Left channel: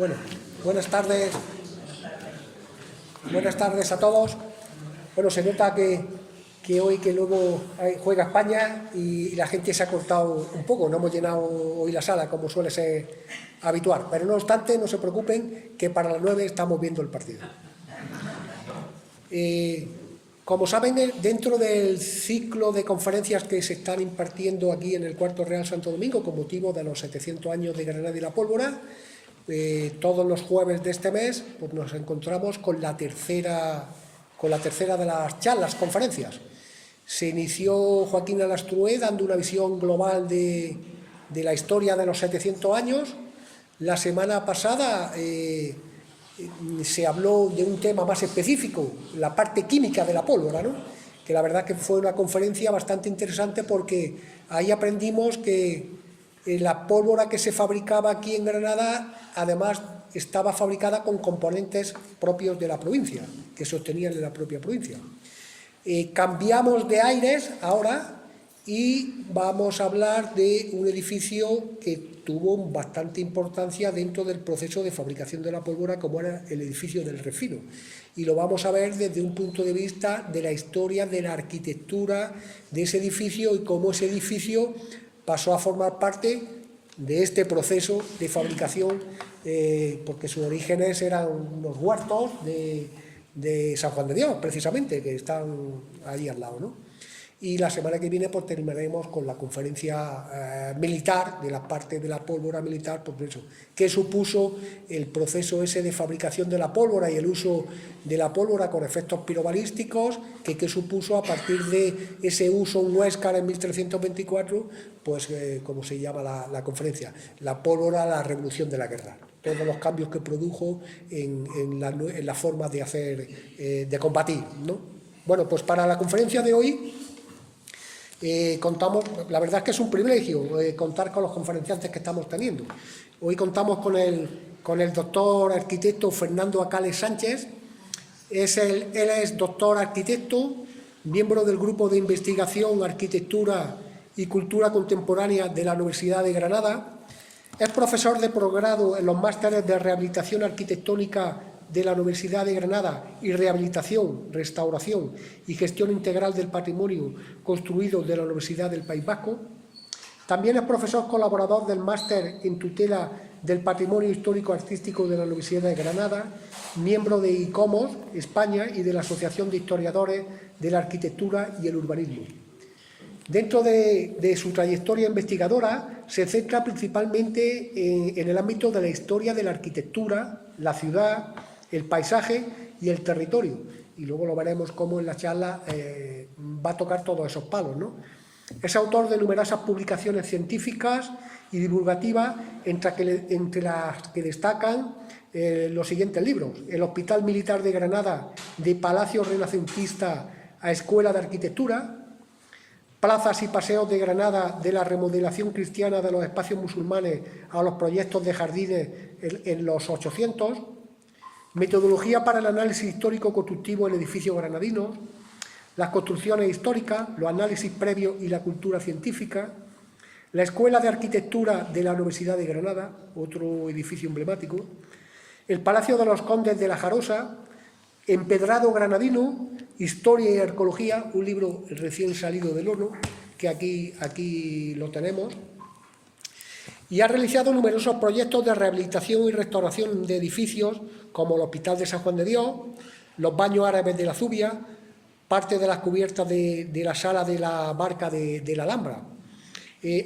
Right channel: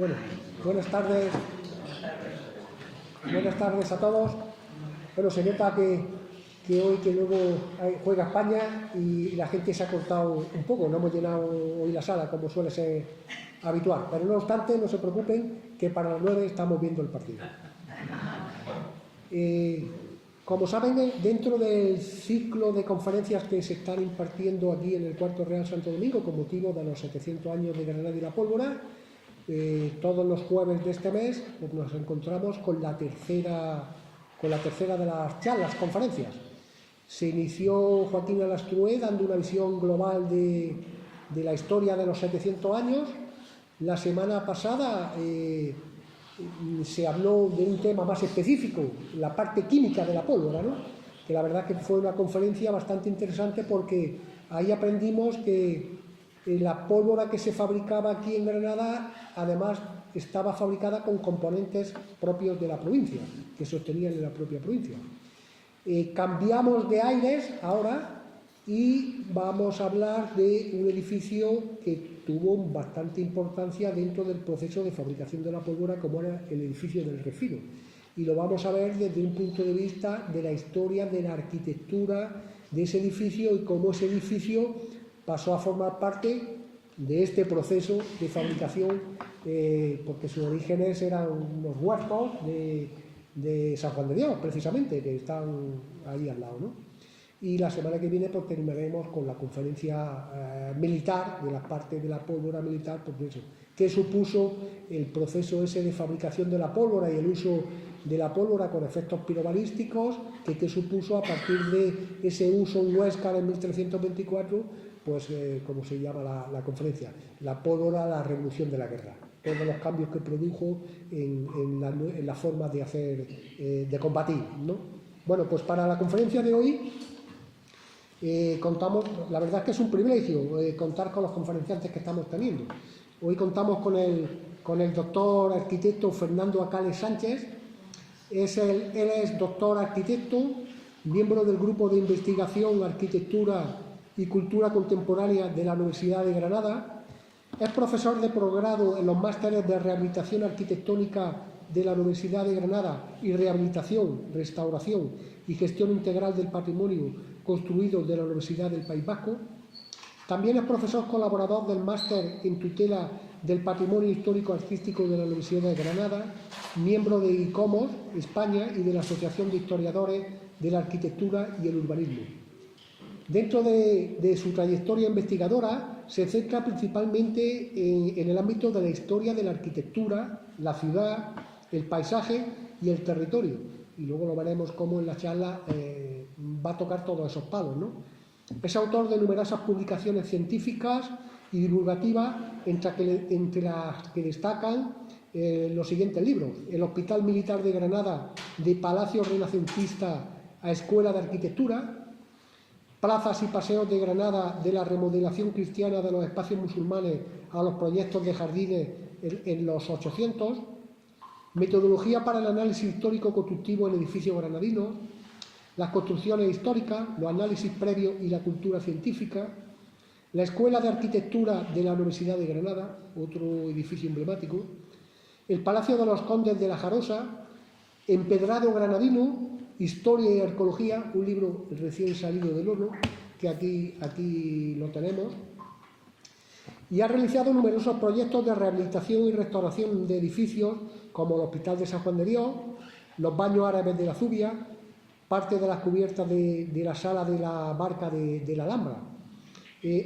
Bueno, buenas tardes a todos. Bueno, se nota que hoy que luego juega España y la gente se ha cortado un poco, no hemos llenado hoy la sala como suele ser habitual, pero no obstante no se preocupen que para las 9 estamos viendo el partido. Como saben, dentro del ciclo de conferencias que se están impartiendo aquí en el Cuarto Real Santo Domingo con motivo de los 700 años de Granada y la Pólvora, todos los jueves de este mes pues nos encontramos con la tercera de las charlas, conferencias. Se inició Joaquín Alastrué dando una visión global de la historia de los 700 años. La semana pasada se habló de un tema más específico, la parte química de la pólvora, ¿no? Que la verdad que fue una conferencia bastante interesante porque ahí aprendimos que la pólvora que se fabricaba aquí en Granada, además, estaba fabricada con componentes propios de la provincia, que se obtenían en la propia provincia. Cambiamos de aires ahora y vamos a hablar de un edificio que tuvo bastante importancia dentro del proceso de fabricación de la pólvora, como era el edificio del Refino. Y lo vamos a ver desde un punto de vista de la historia, de la arquitectura de ese edificio y cómo ese edificio pasó a formar parte de este proceso de fabricación, porque sus orígenes eran unos huertos de San Juan de Dios, precisamente, que están ahí al lado, ¿no? Y la semana que viene pues terminaremos con la conferencia militar, de la parte de la pólvora militar, pues eso, qué supuso el proceso ese de fabricación de la pólvora y el uso de la pólvora con efectos pirobalísticos, qué supuso a partir de ese uso en Huéscar en 1324, pues como se llama la conferencia, la pólvora, la revolución de la guerra. Todos los cambios que produjo en la forma de hacer, de combatir, ¿no? Bueno, pues para la conferencia de hoy contamos, la verdad es que es un privilegio contar con los conferenciantes que estamos teniendo. Hoy contamos con el doctor arquitecto Fernando Acales Sánchez. Él es doctor arquitecto, miembro del Grupo de Investigación, Arquitectura y Cultura Contemporánea de la Universidad de Granada. Es profesor de posgrado en los másteres de Rehabilitación Arquitectónica de la Universidad de Granada y Rehabilitación, Restauración y Gestión Integral del Patrimonio Construido de la Universidad del País Vasco. También es profesor colaborador del Máster en Tutela del Patrimonio Histórico Artístico de la Universidad de Granada, miembro de ICOMOS España y de la Asociación de Historiadores de la Arquitectura y el Urbanismo. Dentro de su trayectoria investigadora se centra principalmente en el ámbito de la historia de la arquitectura, la ciudad, el paisaje y el territorio. Y luego lo veremos cómo en la charla va a tocar todos esos palos, ¿no? Es autor de numerosas publicaciones científicas y divulgativas, entre las que destacan los siguientes libros: El Hospital Militar de Granada, de Palacio Renacentista a Escuela de Arquitectura; Plazas y paseos de Granada, de la remodelación cristiana de los espacios musulmanes a los proyectos de jardines en los 800; Metodología para el análisis histórico-constructivo en edificios granadinos; Las construcciones históricas, los análisis previos y la cultura científica; La Escuela de Arquitectura de la Universidad de Granada, otro edificio emblemático; El Palacio de los Condes de la Jarosa; Empedrado granadino, Historia y Arqueología, un libro recién salido del horno, que aquí lo tenemos. Y ha realizado numerosos proyectos de rehabilitación y restauración de edificios, como el Hospital de San Juan de Dios, los baños árabes de la Zubia, parte de las cubiertas de la sala de la barca de la Alhambra.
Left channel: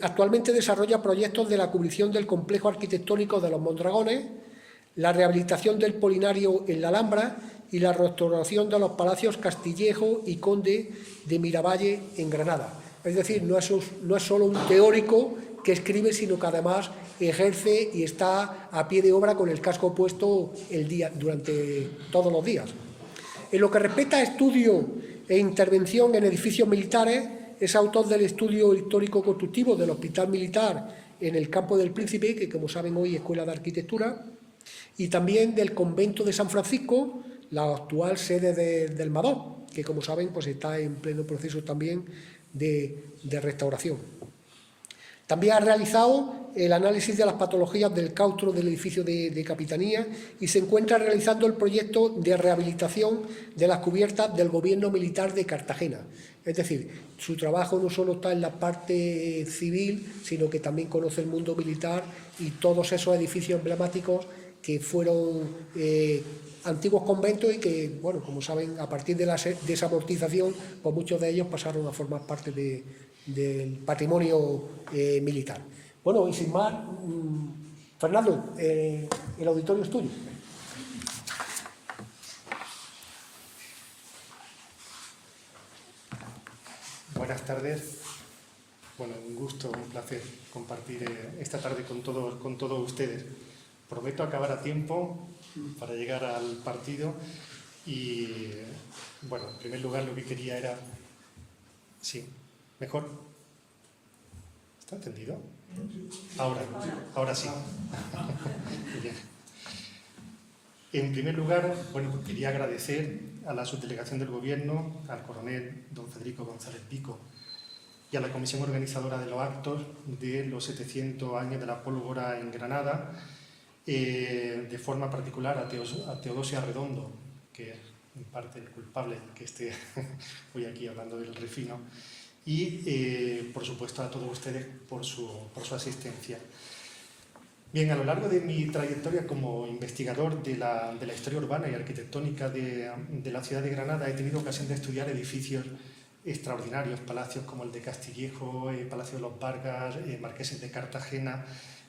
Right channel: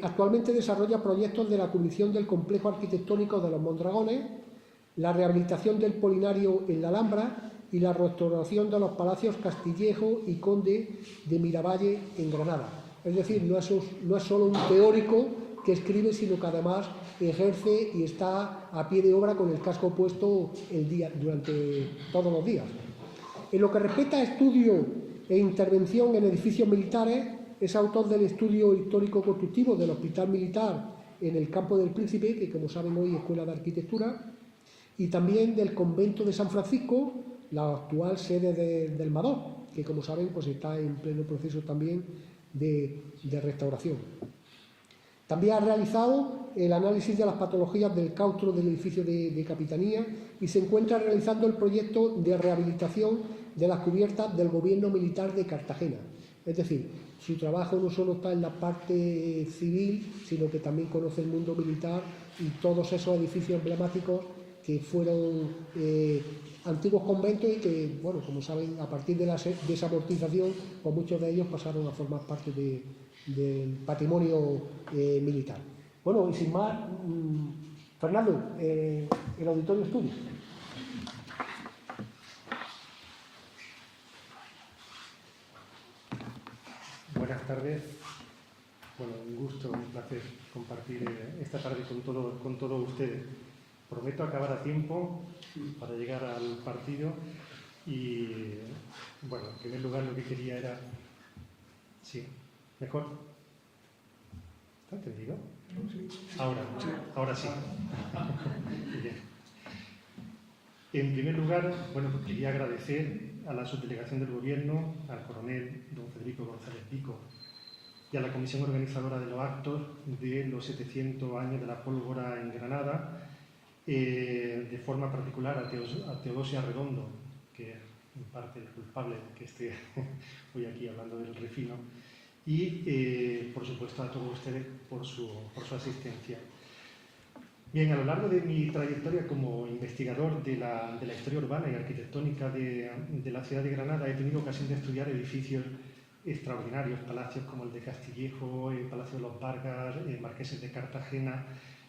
Actualmente desarrolla proyectos de la cubrición del complejo arquitectónico de los Mondragones, la rehabilitación del Polinario en la Alhambra y la restauración de los palacios Castillejo y Conde de Miravalle en Granada. Es decir, no es solo un teórico que escribe, sino que además ejerce y está a pie de obra con el casco puesto durante todos los días. En lo que respecta a estudio e intervención en edificios militares, es autor del estudio histórico-constructivo del Hospital Militar en el Campo del Príncipe, que como saben hoy es Escuela de Arquitectura, y también del Convento de San Francisco, la actual sede del Madó, que como saben pues está en pleno proceso también de restauración. También ha realizado el análisis de las patologías del claustro del edificio de Capitanía y se encuentra realizando el proyecto de rehabilitación de las cubiertas del Gobierno Militar de Cartagena. Es decir, su trabajo no solo está en la parte civil, sino que también conoce el mundo militar y todos esos edificios emblemáticos que fueron antiguos conventos y que, bueno, como saben, a partir de la desamortización, pues muchos de ellos pasaron a formar parte del patrimonio militar. Bueno, y sin más, Fernando, el auditorio es tuyo. Buenas tardes. Bueno, un gusto, un placer compartir esta tarde con todos ustedes. Prometo acabar a tiempo para llegar al partido y, bueno, en primer lugar lo que quería era... Sí, mejor. ¿Está entendido? Ahora sí. Bien. En primer lugar, bueno, quería agradecer a la subdelegación del Gobierno, al coronel don Federico González Pico y a la comisión organizadora de los actos de los 700 años de la pólvora en Granada, de forma particular a Teodosio Arredondo, que es en parte el culpable de que esté hoy aquí hablando del Refino, y por supuesto a todos ustedes por su asistencia. Bien, a lo largo de mi trayectoria como investigador de la historia urbana y arquitectónica de la ciudad de Granada, he tenido ocasión de estudiar edificios extraordinarios, palacios como el de Castillejo, Palacio de los Vargas, Marqueses de Cartagena,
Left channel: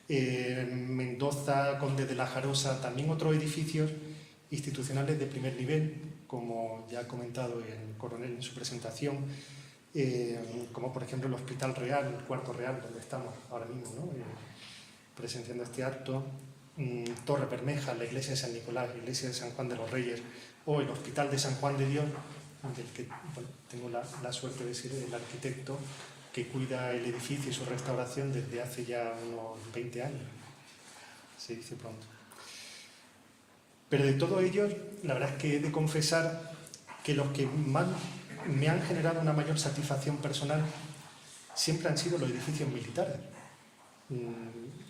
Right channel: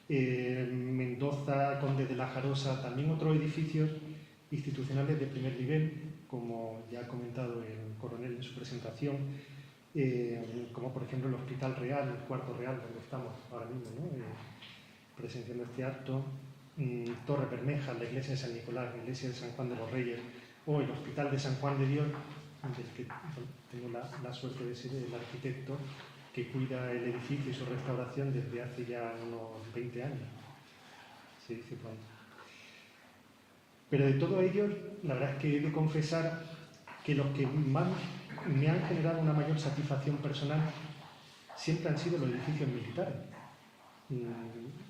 Mendoza, Conde de la Jarosa, también otros edificios institucionales de primer nivel, como ya ha comentado el coronel en su presentación, como por ejemplo el Hospital Real, el Cuarto Real, donde estamos ahora mismo, ¿no? Presenciando este acto, Torre Bermeja, la iglesia de San Nicolás, la iglesia de San Juan de los Reyes, o el Hospital de San Juan de Dios, del que tengo la suerte de ser el arquitecto que cuida el edificio y su restauración desde hace ya unos 20 años, se dice pronto. Pero de todos ellos, la verdad es que he de confesar que los que más me han generado una mayor satisfacción personal siempre han sido los edificios militares,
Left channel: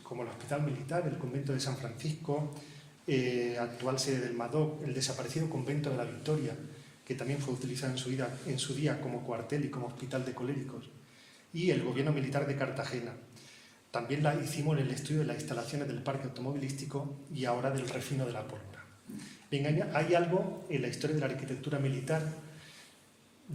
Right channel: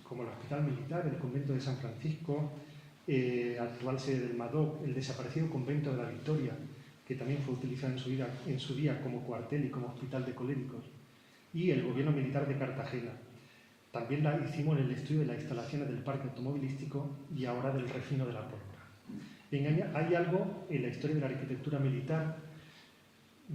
como el Hospital Militar, el Convento de San Francisco, actual sede del MADOC, el desaparecido Convento de la Victoria, que también fue utilizado en su día como cuartel y como hospital de coléricos, y el Gobierno Militar de Cartagena. También hicimos el estudio de las instalaciones del parque automovilístico y ahora del refino de la pólvora. Bien, hay algo en la historia de la arquitectura militar,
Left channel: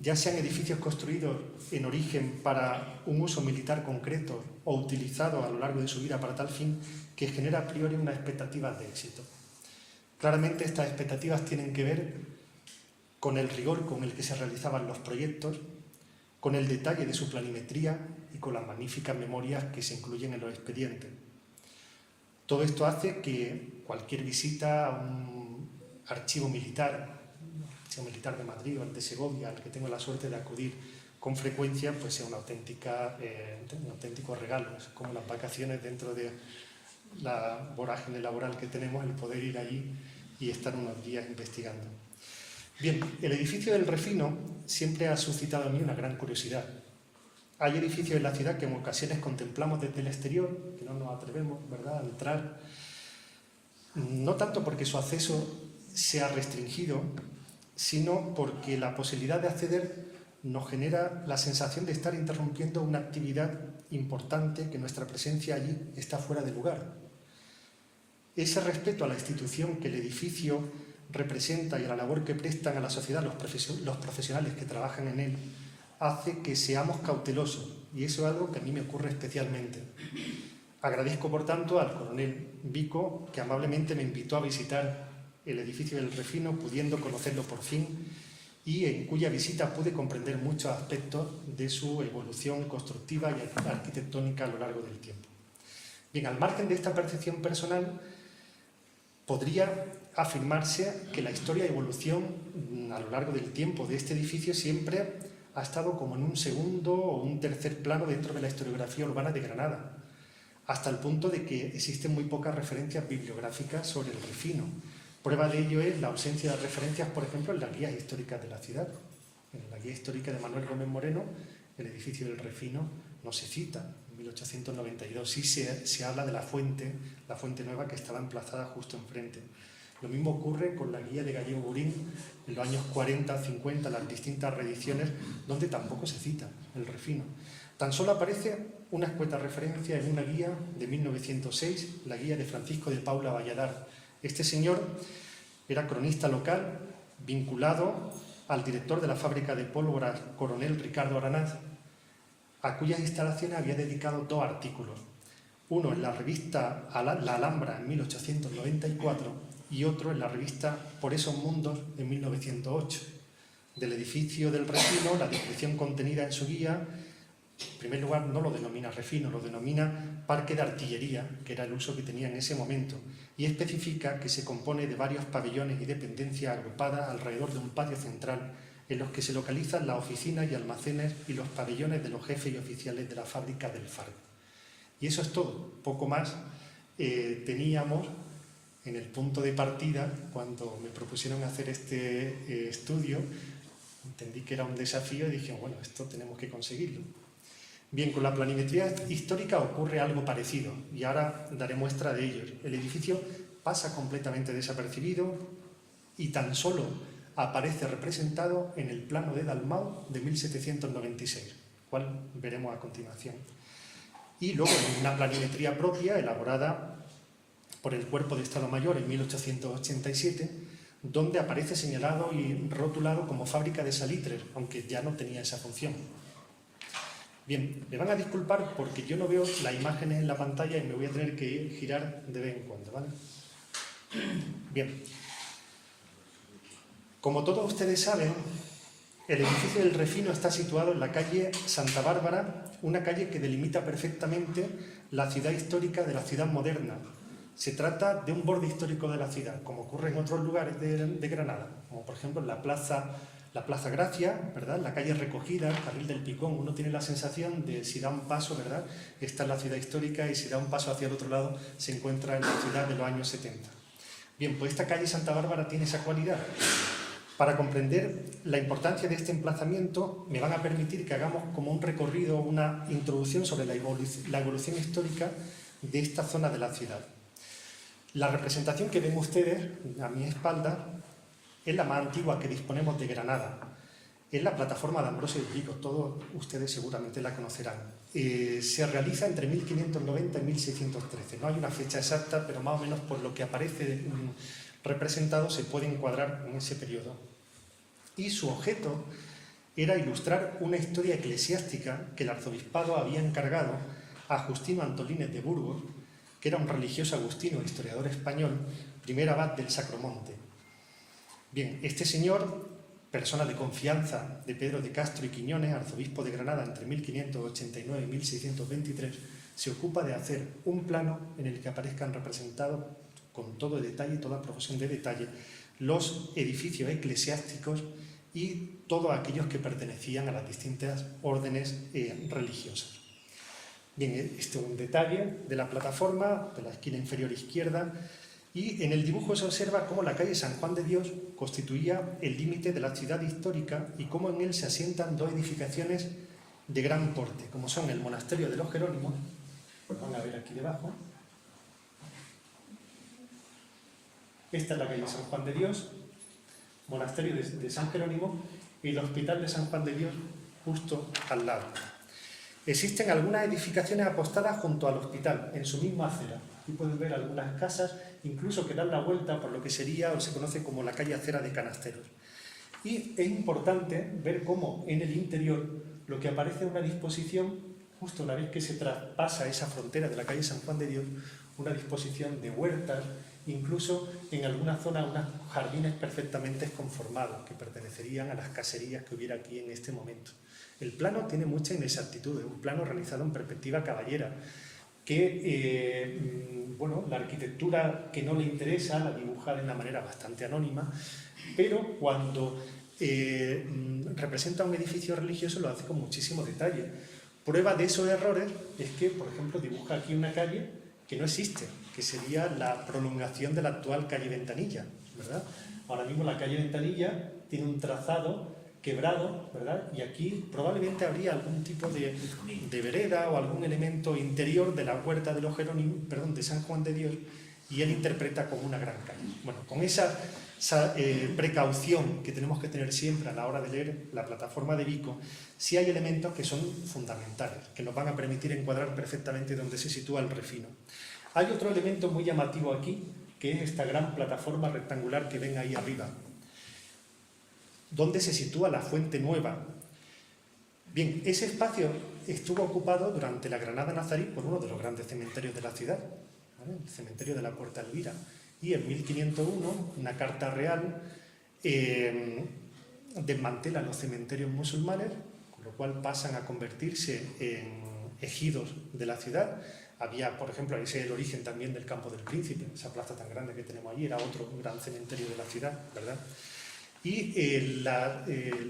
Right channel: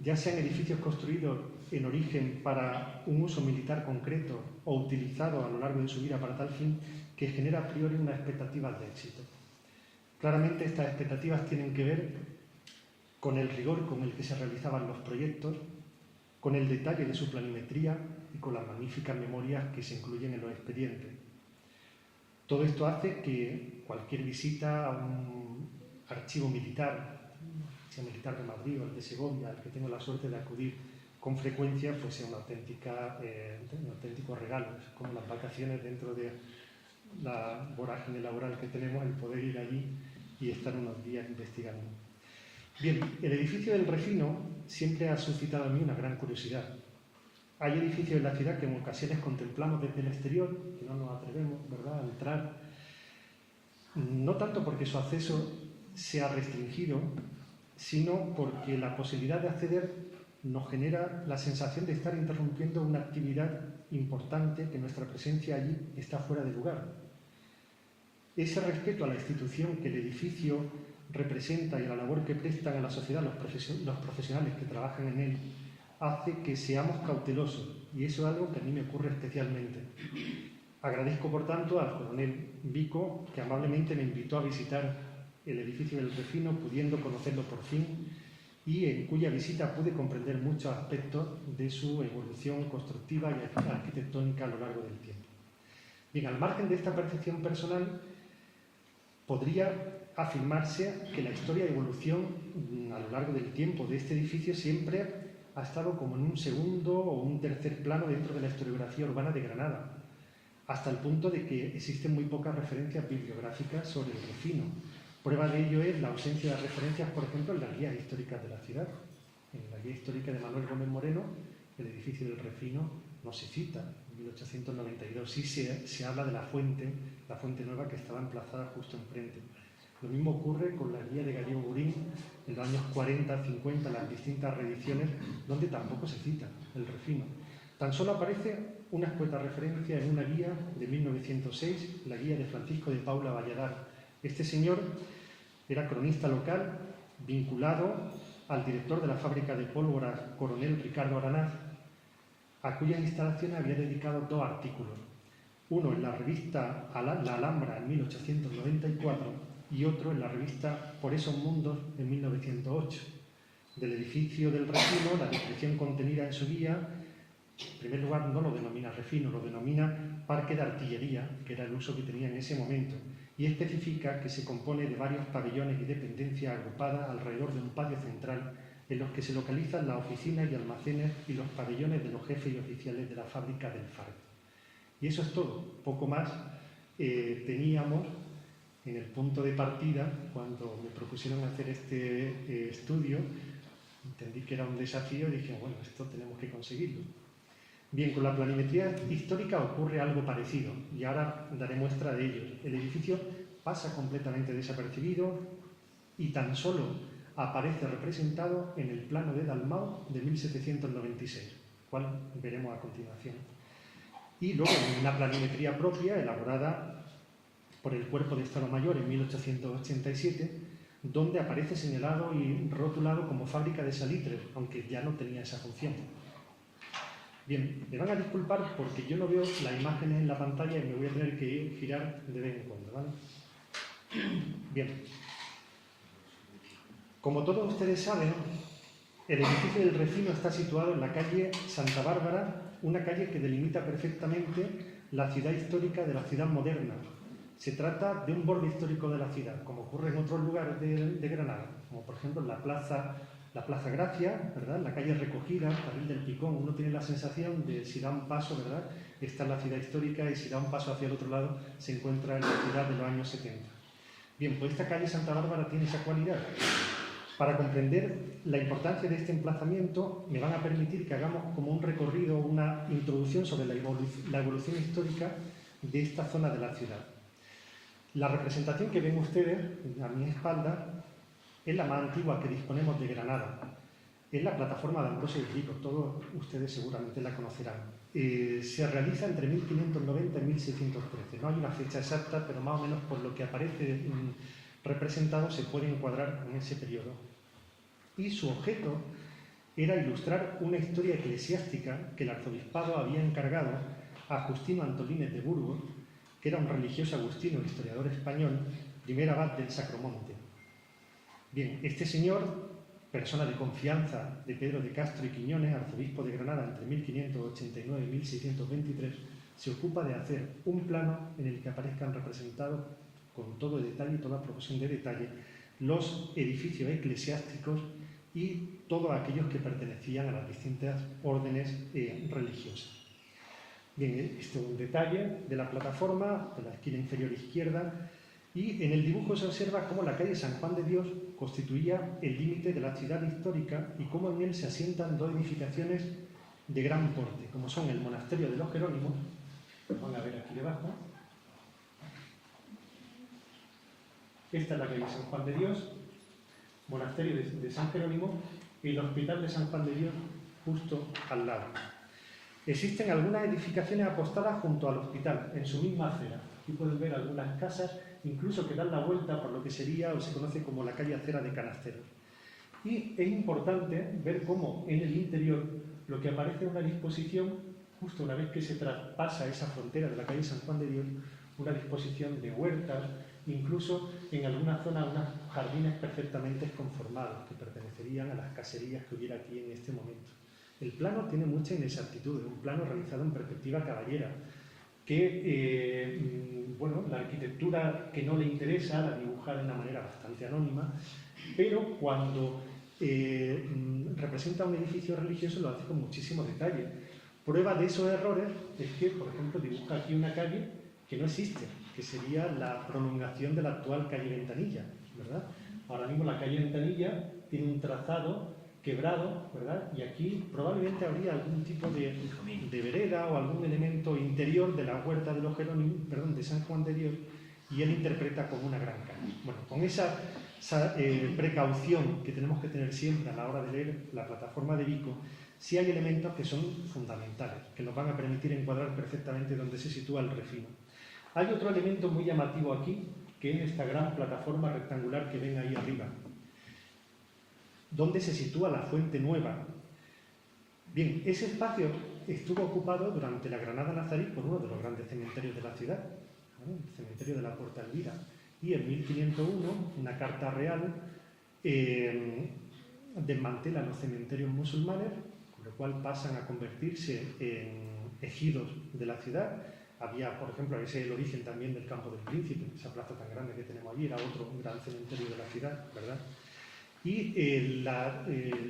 ya sean edificios construidos en origen para un uso militar concreto o utilizados a lo largo de su vida para tal fin, que genera a priori unas expectativas de éxito. Claramente estas expectativas tienen que ver con el rigor con el que se realizaban los proyectos, con el detalle de su planimetría y con las magníficas memorias que se incluyen en los expedientes. Todo esto hace que cualquier visita a un archivo militar de Madrid o el de Segovia, al que tengo la suerte de acudir con frecuencia, pues sea un auténtico regalo. Es como las vacaciones dentro de la vorágine laboral que tenemos, el poder ir allí y estar unos días investigando. Bien, el edificio del Refino siempre ha suscitado en mí una gran curiosidad. Hay edificios en la ciudad que en ocasiones contemplamos desde el exterior, que no nos atrevemos, ¿verdad?, a entrar, no tanto porque su acceso sea restringido, sino porque la posibilidad de acceder nos genera la sensación de estar interrumpiendo una actividad importante, que nuestra presencia allí está fuera de lugar. Ese respeto a la institución que el edificio representa y a la labor que prestan a la sociedad los profesionales que trabajan en él hace que seamos cautelosos, y eso es algo que a mí me ocurre especialmente. Agradezco, por tanto, al coronel Vico, que amablemente me invitó a visitar el edificio del Refino, pudiendo conocerlo por fin, y en cuya visita pude comprender muchos aspectos de su evolución constructiva y arquitectónica a lo largo del tiempo. Bien, al margen de esta percepción personal, podría afirmarse que la historia y evolución a lo largo del tiempo de este edificio siempre ha estado como en un segundo o un tercer plano dentro de la historiografía urbana de Granada, hasta el punto de que existen muy pocas referencias bibliográficas sobre el Refino. Prueba de ello es la ausencia de referencias, por ejemplo, en las guías históricas de la ciudad. En la guía histórica de Manuel Gómez Moreno, el edificio del Refino no se cita. En 1892. Sí se habla de la fuente nueva que estaba emplazada justo enfrente. Lo mismo ocurre con la guía de Gallego Burín en los años 40, 50, las distintas reediciones, donde tampoco se cita el refino. Tan solo aparece una escueta referencia en una guía de 1906, la guía de Francisco de Paula Valladar. Este señor era cronista local, vinculado al director de la fábrica de pólvora, coronel Ricardo Aranaz, a cuyas instalaciones había dedicado 2 artículos. Uno en la revista La Alhambra en 1894 y otro en la revista Por esos mundos en 1908. Del edificio del refino, la descripción contenida en su guía, en primer lugar no lo denomina refino, lo denomina parque de artillería, que era el uso que tenía en ese momento, y especifica que se compone de varios pabellones y dependencias agrupadas alrededor de un patio central en los que se localizan las oficinas y almacenes y los pabellones de los jefes y oficiales de la fábrica del Fardo. Y eso es todo, poco más teníamos en el punto de partida. Cuando me propusieron hacer este estudio, entendí que era un desafío y dije, bueno, esto tenemos que conseguirlo. Bien, con la planimetría histórica ocurre algo parecido y ahora daré muestra de ello. El edificio pasa completamente desapercibido y tan solo aparece representado en el plano de Dalmau de 1796, cual veremos a continuación. Y luego una planimetría propia elaborada por el Cuerpo de Estado Mayor en 1887, donde aparece señalado y rotulado como fábrica de salitres, aunque ya no tenía esa función. Bien, me van a disculpar porque yo no veo las imágenes en la pantalla y me voy a tener que girar de vez en cuando, ¿vale? Bien. Como todos ustedes saben, el edificio del refino está situado en la calle Santa Bárbara, una calle que delimita perfectamente la ciudad histórica de la ciudad moderna. Se trata de un borde histórico de la ciudad, como ocurre en otros lugares de Granada, como por ejemplo en la Plaza Gracia, ¿verdad? La calle Recogida, el Carril del Picón. Uno tiene la sensación de, si da un paso, ¿verdad?, está en la ciudad histórica, y si da un paso hacia el otro lado se encuentra en la ciudad de los años 70. Bien, pues esta calle Santa Bárbara tiene esa cualidad. Para comprender la importancia de este emplazamiento, me van a permitir que hagamos como un recorrido, una introducción sobre la evolución histórica de esta zona de la ciudad. La representación que ven ustedes a mi espalda es la más antigua que disponemos de Granada. Es la plataforma de Ambrosio de Rico, todos ustedes seguramente la conocerán. Se realiza entre 1590 y 1613. No hay una fecha exacta, pero más o menos por lo que aparece representado se puede encuadrar en ese periodo. Y su objeto era ilustrar una historia eclesiástica que el arzobispado había encargado a Justino Antolínez de Burgos, que era un religioso agustino, historiador español, primer abad del Sacromonte. Bien, este señor, persona de confianza de Pedro de Castro y Quiñones, arzobispo de Granada entre 1589 y 1623, se ocupa de hacer un plano en el que aparezcan representados con todo detalle, toda proporción de detalle, los edificios eclesiásticos y todos aquellos que pertenecían a las distintas órdenes religiosas. Bien, este es un detalle de la plataforma, de la esquina inferior izquierda, y en el dibujo se observa cómo la calle San Juan de Dios constituía el límite de la ciudad histórica y cómo en él se asientan 2 edificaciones de gran porte, como son el monasterio de los Jerónimos, lo van a ver aquí debajo. Esta es la calle San Juan de Dios, monasterio de San Jerónimo, y el hospital de San Juan de Dios justo al lado. Existen algunas edificaciones apostadas junto al hospital, en su misma acera. Aquí pueden ver algunas casas, incluso que dan la vuelta por lo que sería o se conoce como la calle Acera de Canasteros. Y es importante ver cómo en el interior lo que aparece es una disposición, justo una vez que se traspasa esa frontera de la calle San Juan de Dios, una disposición de huertas, incluso en alguna zona unos jardines perfectamente conformados que pertenecerían a las caserías que hubiera aquí en este momento. El plano tiene mucha inexactitud, es un plano realizado en perspectiva caballera, que, bueno, la arquitectura que no le interesa la dibuja de una manera bastante anónima, pero cuando representa un edificio religioso lo hace con muchísimo detalle. Prueba de esos errores es que, por ejemplo, dibuja aquí una calle que no existe, que sería la prolongación de la actual calle Ventanilla, ¿verdad? Ahora mismo la calle Ventanilla tiene un trazado quebrado, ¿verdad? Y aquí probablemente habría algún tipo de vereda o algún elemento interior de la huerta de los Jerónimos, perdón, de San Juan de Dios, y él interpreta como una gran calle. Bueno, con esa precaución que tenemos que tener siempre a la hora de leer la plataforma de Vico, sí hay elementos que son fundamentales, que nos van a permitir encuadrar perfectamente dónde se sitúa el refino. Hay otro elemento muy llamativo aquí, que es esta gran plataforma rectangular que ven ahí arriba, donde se sitúa la Fuente Nueva. Bien, ese espacio estuvo ocupado durante la Granada nazarí por uno de los grandes cementerios de la ciudad, ¿vale? El cementerio de la Puerta Elvira. Y en 1501, una carta real desmantela los cementerios musulmanes, con lo cual pasan a convertirse en ejidos de la ciudad. Había, por ejemplo, ahí es el origen también del Campo del Príncipe, esa plaza tan grande que tenemos allí, era otro gran cementerio de la ciudad, ¿verdad? Y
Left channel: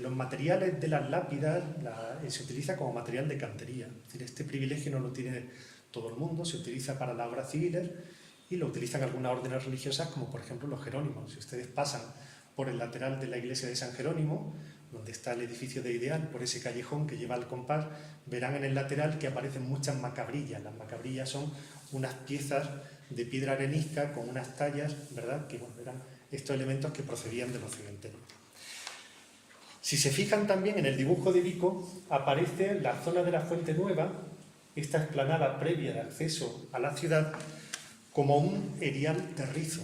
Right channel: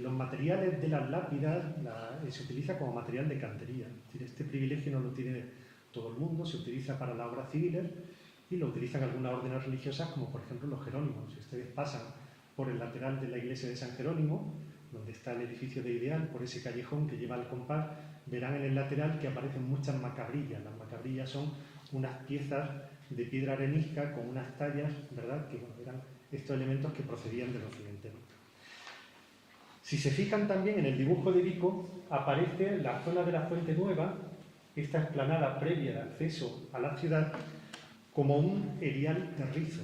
los materiales de las lápidas se utiliza como material de cantería. Es decir, este privilegio no lo tiene todo el mundo, se utiliza para las obras civiles y lo utilizan algunas órdenes religiosas, como por ejemplo los Jerónimos. Si ustedes pasan por el lateral de la iglesia de San Jerónimo, donde está el edificio de Ideal, por ese callejón que lleva al compás, verán en el lateral que aparecen muchas macabrillas. Las macabrillas son unas piezas de piedra arenisca con unas tallas, ¿verdad?, que bueno, eran estos elementos que procedían de los cementerios. Si se fijan también en el dibujo de Vico, aparece la zona de la Fuente Nueva, esta explanada previa de acceso a la ciudad, como un erial terrizo,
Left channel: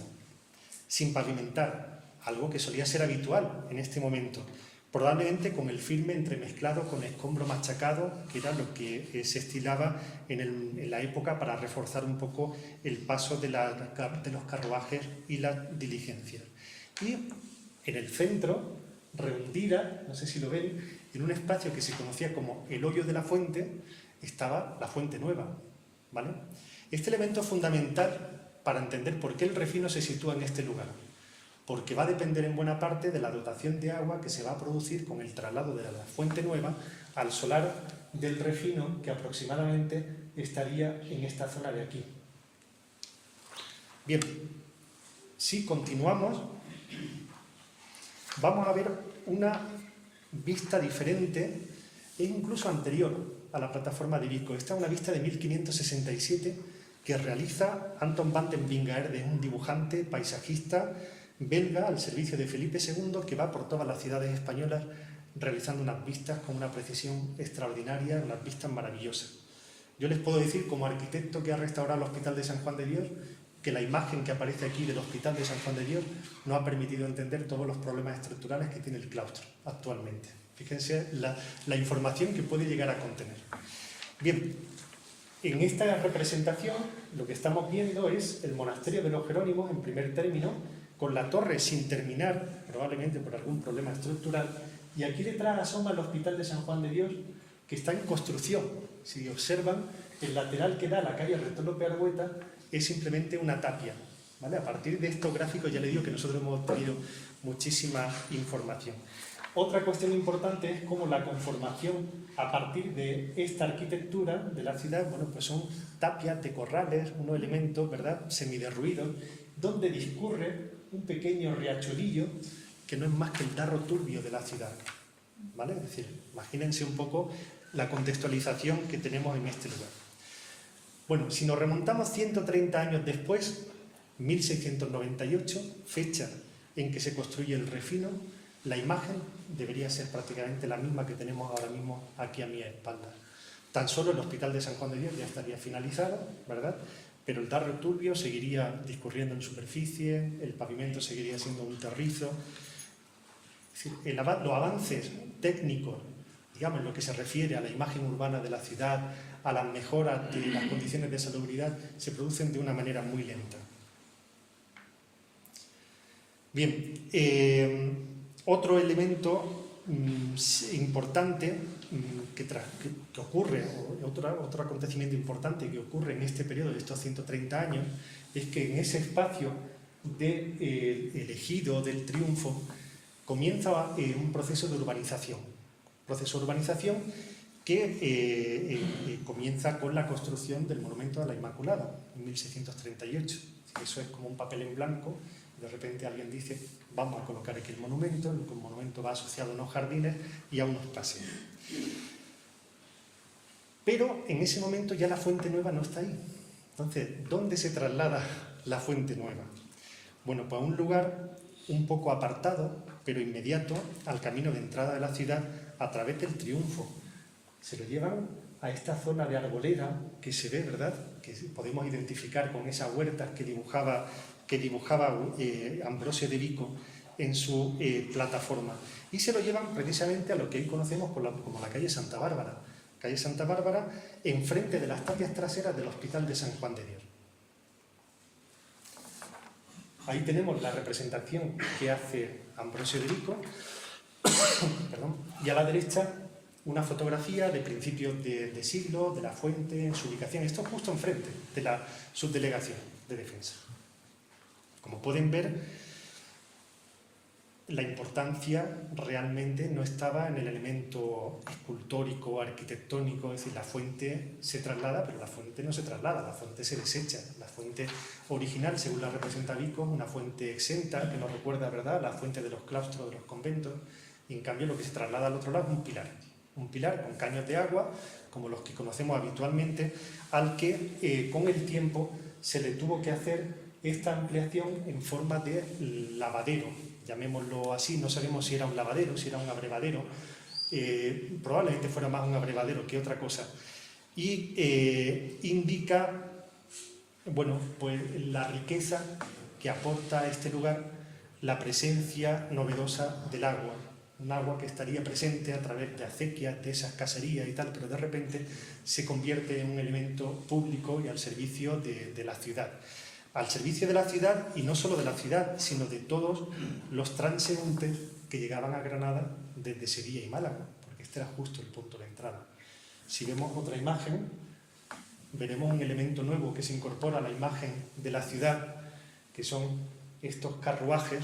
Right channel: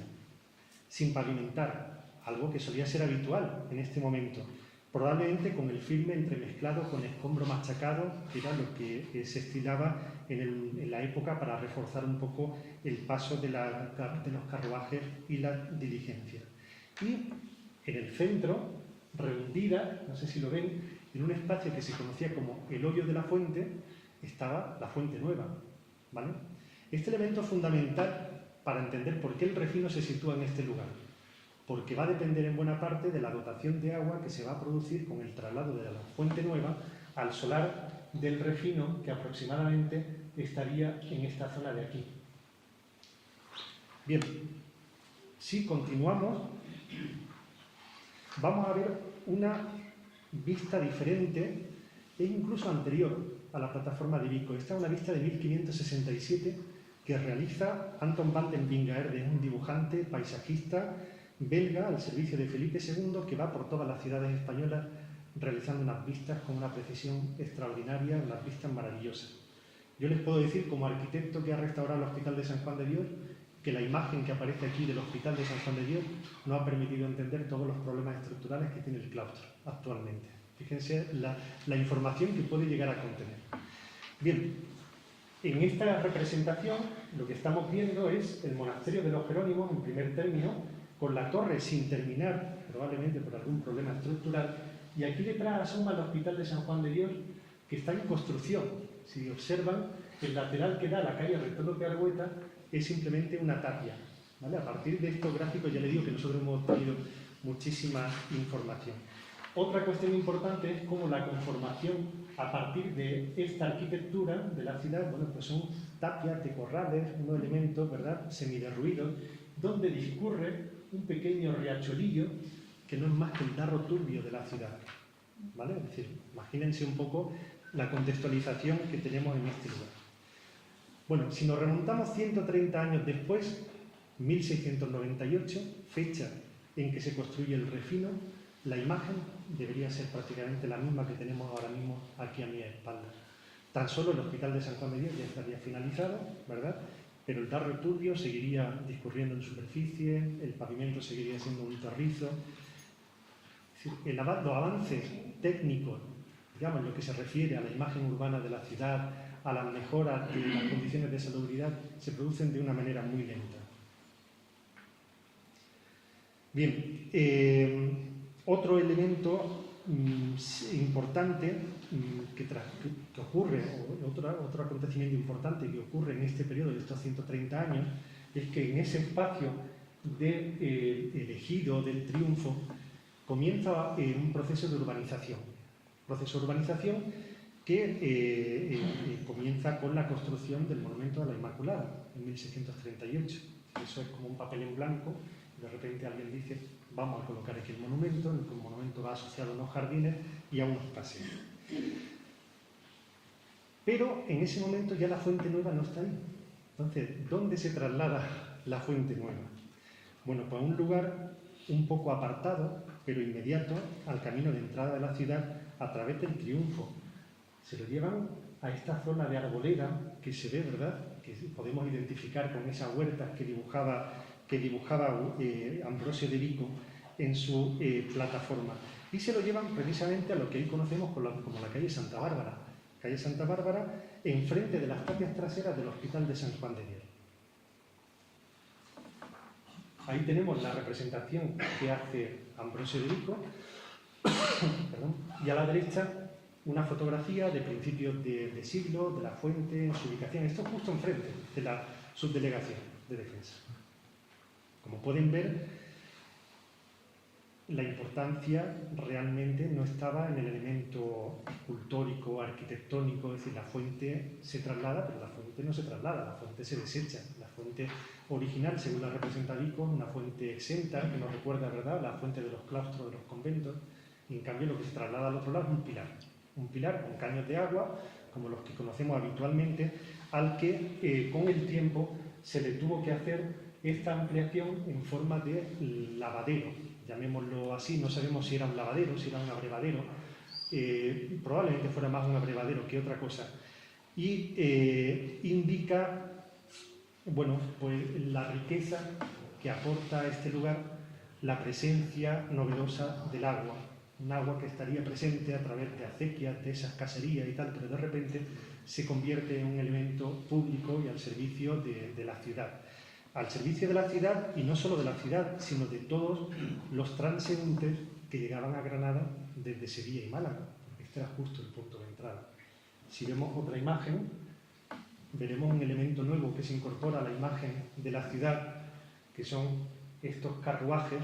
sin pavimentar, algo que solía ser habitual en este momento, probablemente con el firme entremezclado con escombro machacado, que era lo que se estilaba en la época para reforzar un poco el paso de los carruajes y las diligencias. Y en el centro, rehundida, no sé si lo ven, en un espacio que se conocía como el hoyo de la fuente, estaba la Fuente Nueva, ¿vale? Este elemento es fundamental para entender por qué el refino se sitúa en este lugar, porque va a depender en buena parte de la dotación de agua que se va a producir con el traslado de la Fuente Nueva al solar del refino, que aproximadamente estaría en esta zona de aquí. Bien, si continuamos, vamos a ver una vista diferente e incluso anterior a la plataforma de Vico. Esta es una vista de 1567 que realiza Anton van den Wingaerde, un dibujante, paisajista belga al servicio de Felipe II, que va por todas las ciudades españolas realizando unas vistas con una precisión extraordinaria, unas vistas maravillosas. Yo les puedo decir, como arquitecto que ha restaurado el Hospital de San Juan de Dios, que la imagen que aparece aquí del Hospital de San Juan de Dios nos ha permitido entender todos los problemas estructurales que tiene el claustro actualmente. Fíjense la información que puede llegar a contener. Bien, en esta representación lo que estamos viendo es el monasterio de los Jerónimos en primer término, con la torre sin terminar, probablemente por algún problema estructural, y aquí detrás asoma el Hospital de San Juan de Dios, que está en construcción. Si observan, el lateral que da a la calle Rector López Argueta es simplemente una tapia, ¿vale? A partir de estos gráficos ya le digo que nosotros hemos obtenido muchísima información. Otra cuestión importante es cómo la conformación a partir de esta arquitectura de la ciudad, bueno, pues son tapias de corrales, unos elementos, ¿verdad?, semiderruidos, donde discurre un pequeño riachuelillo que no es más que el darro turbio de la ciudad, ¿vale? Es decir, imagínense un poco la contextualización que tenemos en este lugar. Bueno, si nos remontamos 130 años después, 1698, fecha en que se construye el refino, la imagen debería ser prácticamente la misma que tenemos ahora mismo aquí a mi espalda. Tan solo el Hospital de San Juan de Dios ya estaría finalizado, ¿verdad?, pero el darro turbio seguiría discurriendo en superficie, el pavimento seguiría siendo un terrizo. Es decir, los avances técnicos, digamos, lo que se refiere a la imagen urbana de la ciudad, a las mejoras de las condiciones de salubridad, se producen de una manera muy lenta. Bien, otro elemento importante que ocurre, otro acontecimiento importante que ocurre en este periodo de estos 130 años, es que en ese espacio del ejido, del triunfo, comienza un proceso de urbanización. Que comienza con la construcción del Monumento a la Inmaculada en 1638. Eso es como un papel en blanco De repente alguien dice, vamos a colocar aquí el monumento va asociado a unos jardines y a unos paseos. Pero en ese momento ya la Fuente Nueva no está ahí. Entonces, ¿dónde se traslada la Fuente Nueva? Bueno, pues a un lugar un poco apartado, pero inmediato al camino de entrada de la ciudad a través del Triunfo. Se lo llevan a esta zona de arboleda que se ve, ¿verdad?, que podemos identificar con esas huertas que dibujaba Ambrosio de Vico en su plataforma. Y se lo llevan precisamente a lo que hoy conocemos como la calle Santa Bárbara. Calle Santa Bárbara, enfrente de las tapias traseras del Hospital de San Juan de Dios. Ahí tenemos la representación que hace Ambrosio de Vico, y a la derecha una fotografía de principios de siglo, de la fuente, en su ubicación. Esto es justo enfrente de la subdelegación de defensa. Como pueden ver, la importancia realmente no estaba en el elemento escultórico, arquitectónico, es decir, la fuente se traslada, pero la fuente no se traslada, la fuente se desecha. La fuente original, según la representa Vico, una fuente exenta, que nos recuerda, ¿verdad?, la fuente de los claustros, de los conventos, y en cambio lo que se traslada al otro lado es un pilar con caños de agua, como los que conocemos habitualmente, al que con el tiempo se le tuvo que hacer esta ampliación en forma de lavadero, llamémoslo así. No sabemos si era un lavadero, si era un abrevadero, probablemente fuera más un abrevadero que otra cosa, y indica, bueno, pues la riqueza que aporta a este lugar la presencia novedosa del agua, un agua que estaría presente a través de acequias, de esas caserías y tal, pero de repente se convierte en un elemento público y al servicio de la ciudad. Al servicio de la ciudad, y no solo de la ciudad, sino de todos los transeúntes que llegaban a Granada desde Sevilla y Málaga, porque este era justo el punto de entrada. Si vemos otra imagen, veremos un elemento nuevo que se incorpora a la imagen de la ciudad, que son estos carruajes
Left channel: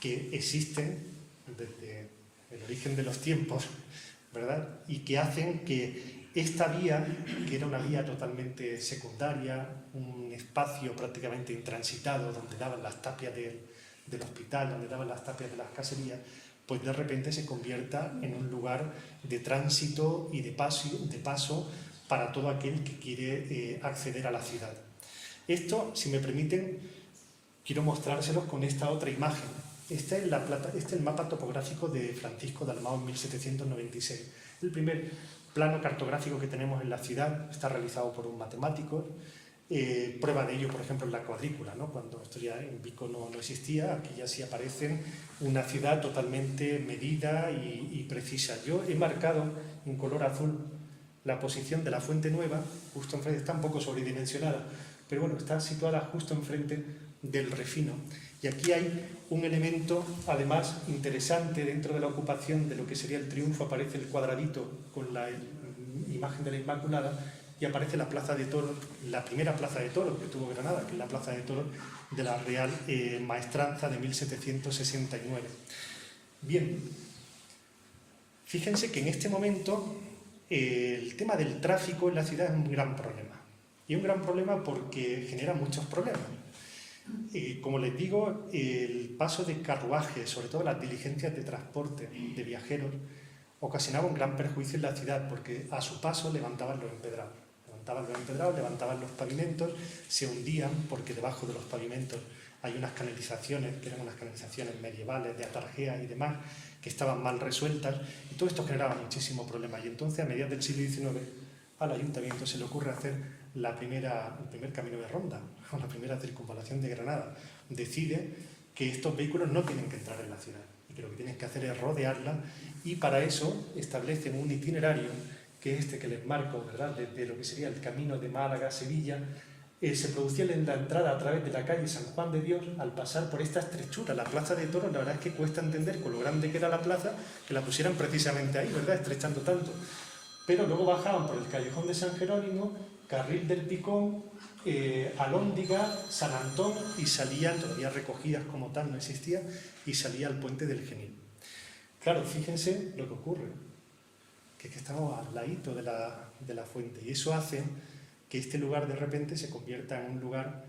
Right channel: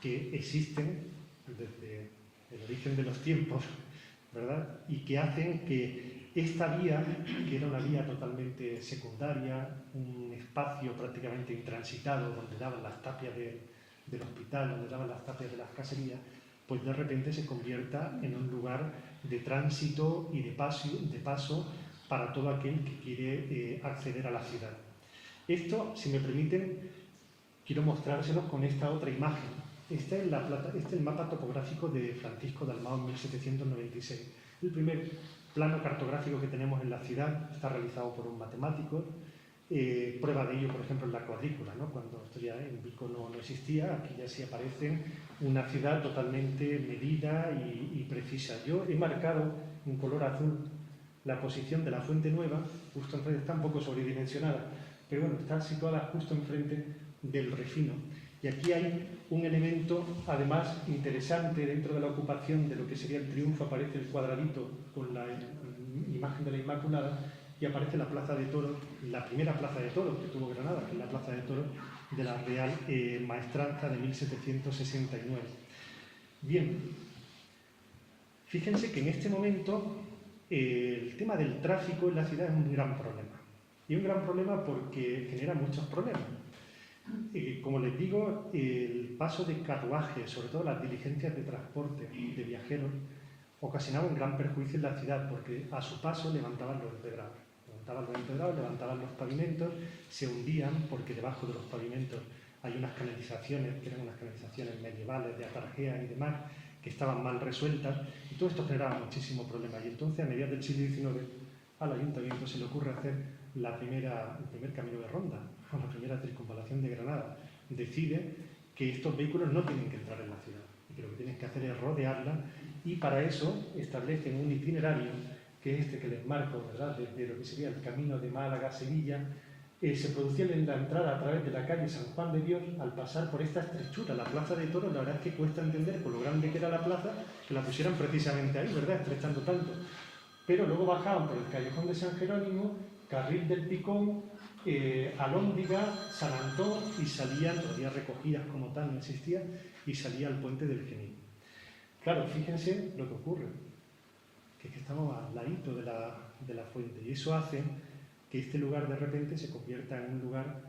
que existen desde el origen de los tiempos, ¿verdad?, y que hacen que esta vía, que era una vía totalmente secundaria, un espacio prácticamente intransitado donde daban las tapias del hospital, donde daban las tapias de las caserías, pues de repente se convierta en un lugar de tránsito y de paso para todo aquel que quiere acceder a la ciudad. Esto, si me permiten, quiero mostrárselos con esta otra imagen. Este es el mapa topográfico de Francisco Dalmau en 1796. El primer plano cartográfico que tenemos en la ciudad, está realizado por un matemático. Prueba de ello, por ejemplo, en la cuadrícula, ¿no? Cuando esto ya en Vico no existía, aquí ya sí aparece una ciudad totalmente medida y precisa. Yo he marcado en color azul la posición de la Fuente Nueva, justo enfrente, está un poco sobredimensionada, pero bueno, está situada justo enfrente del Refino. Y aquí hay un elemento, además, interesante dentro de la ocupación de lo que sería el Triunfo. Aparece el cuadradito con la imagen de la Inmaculada y aparece la Plaza de Toros, la primera Plaza de Toros que tuvo Granada, que es la Plaza de Toros de la Real Maestranza de 1769. Bien, fíjense que en este momento el tema del tráfico en la ciudad es un gran problema. Y un gran problema porque genera muchos problemas. Como les digo, el paso de carruajes, sobre todo las diligencias de transporte de viajeros, ocasionaba un gran perjuicio en la ciudad porque a su paso levantaban los empedrados, levantaban los pavimentos, se hundían porque debajo de los pavimentos hay unas canalizaciones, que eran unas canalizaciones medievales de atarjea y demás, que estaban mal resueltas, y todo esto generaba muchísimo problema. Y entonces, a mediados del siglo XIX, al ayuntamiento se le ocurre hacer el primer camino de ronda, la primera circunvalación de Granada. Decide que estos vehículos no tienen que entrar en la ciudad y que lo que tienen que hacer es rodearla, y para eso establecen un itinerario, que es este que les marco, ¿verdad?, desde lo que sería el camino de Málaga a Sevilla. Se producía la entrada a través de la calle San Juan de Dios al pasar por esta estrechura. La Plaza de Toros, la verdad es que cuesta entender con lo grande que era la plaza, que la pusieran precisamente ahí, ¿verdad?, estrechando tanto. Pero luego bajaban por el callejón de San Jerónimo, Carril del Picón, Alhóndiga, San Antón, y salían, todavía recogidas como tal, no existía, y salía al puente del Genil. Claro, fíjense lo que ocurre, que es que estamos al ladito de la fuente, y eso hace que este lugar de repente se convierta en un lugar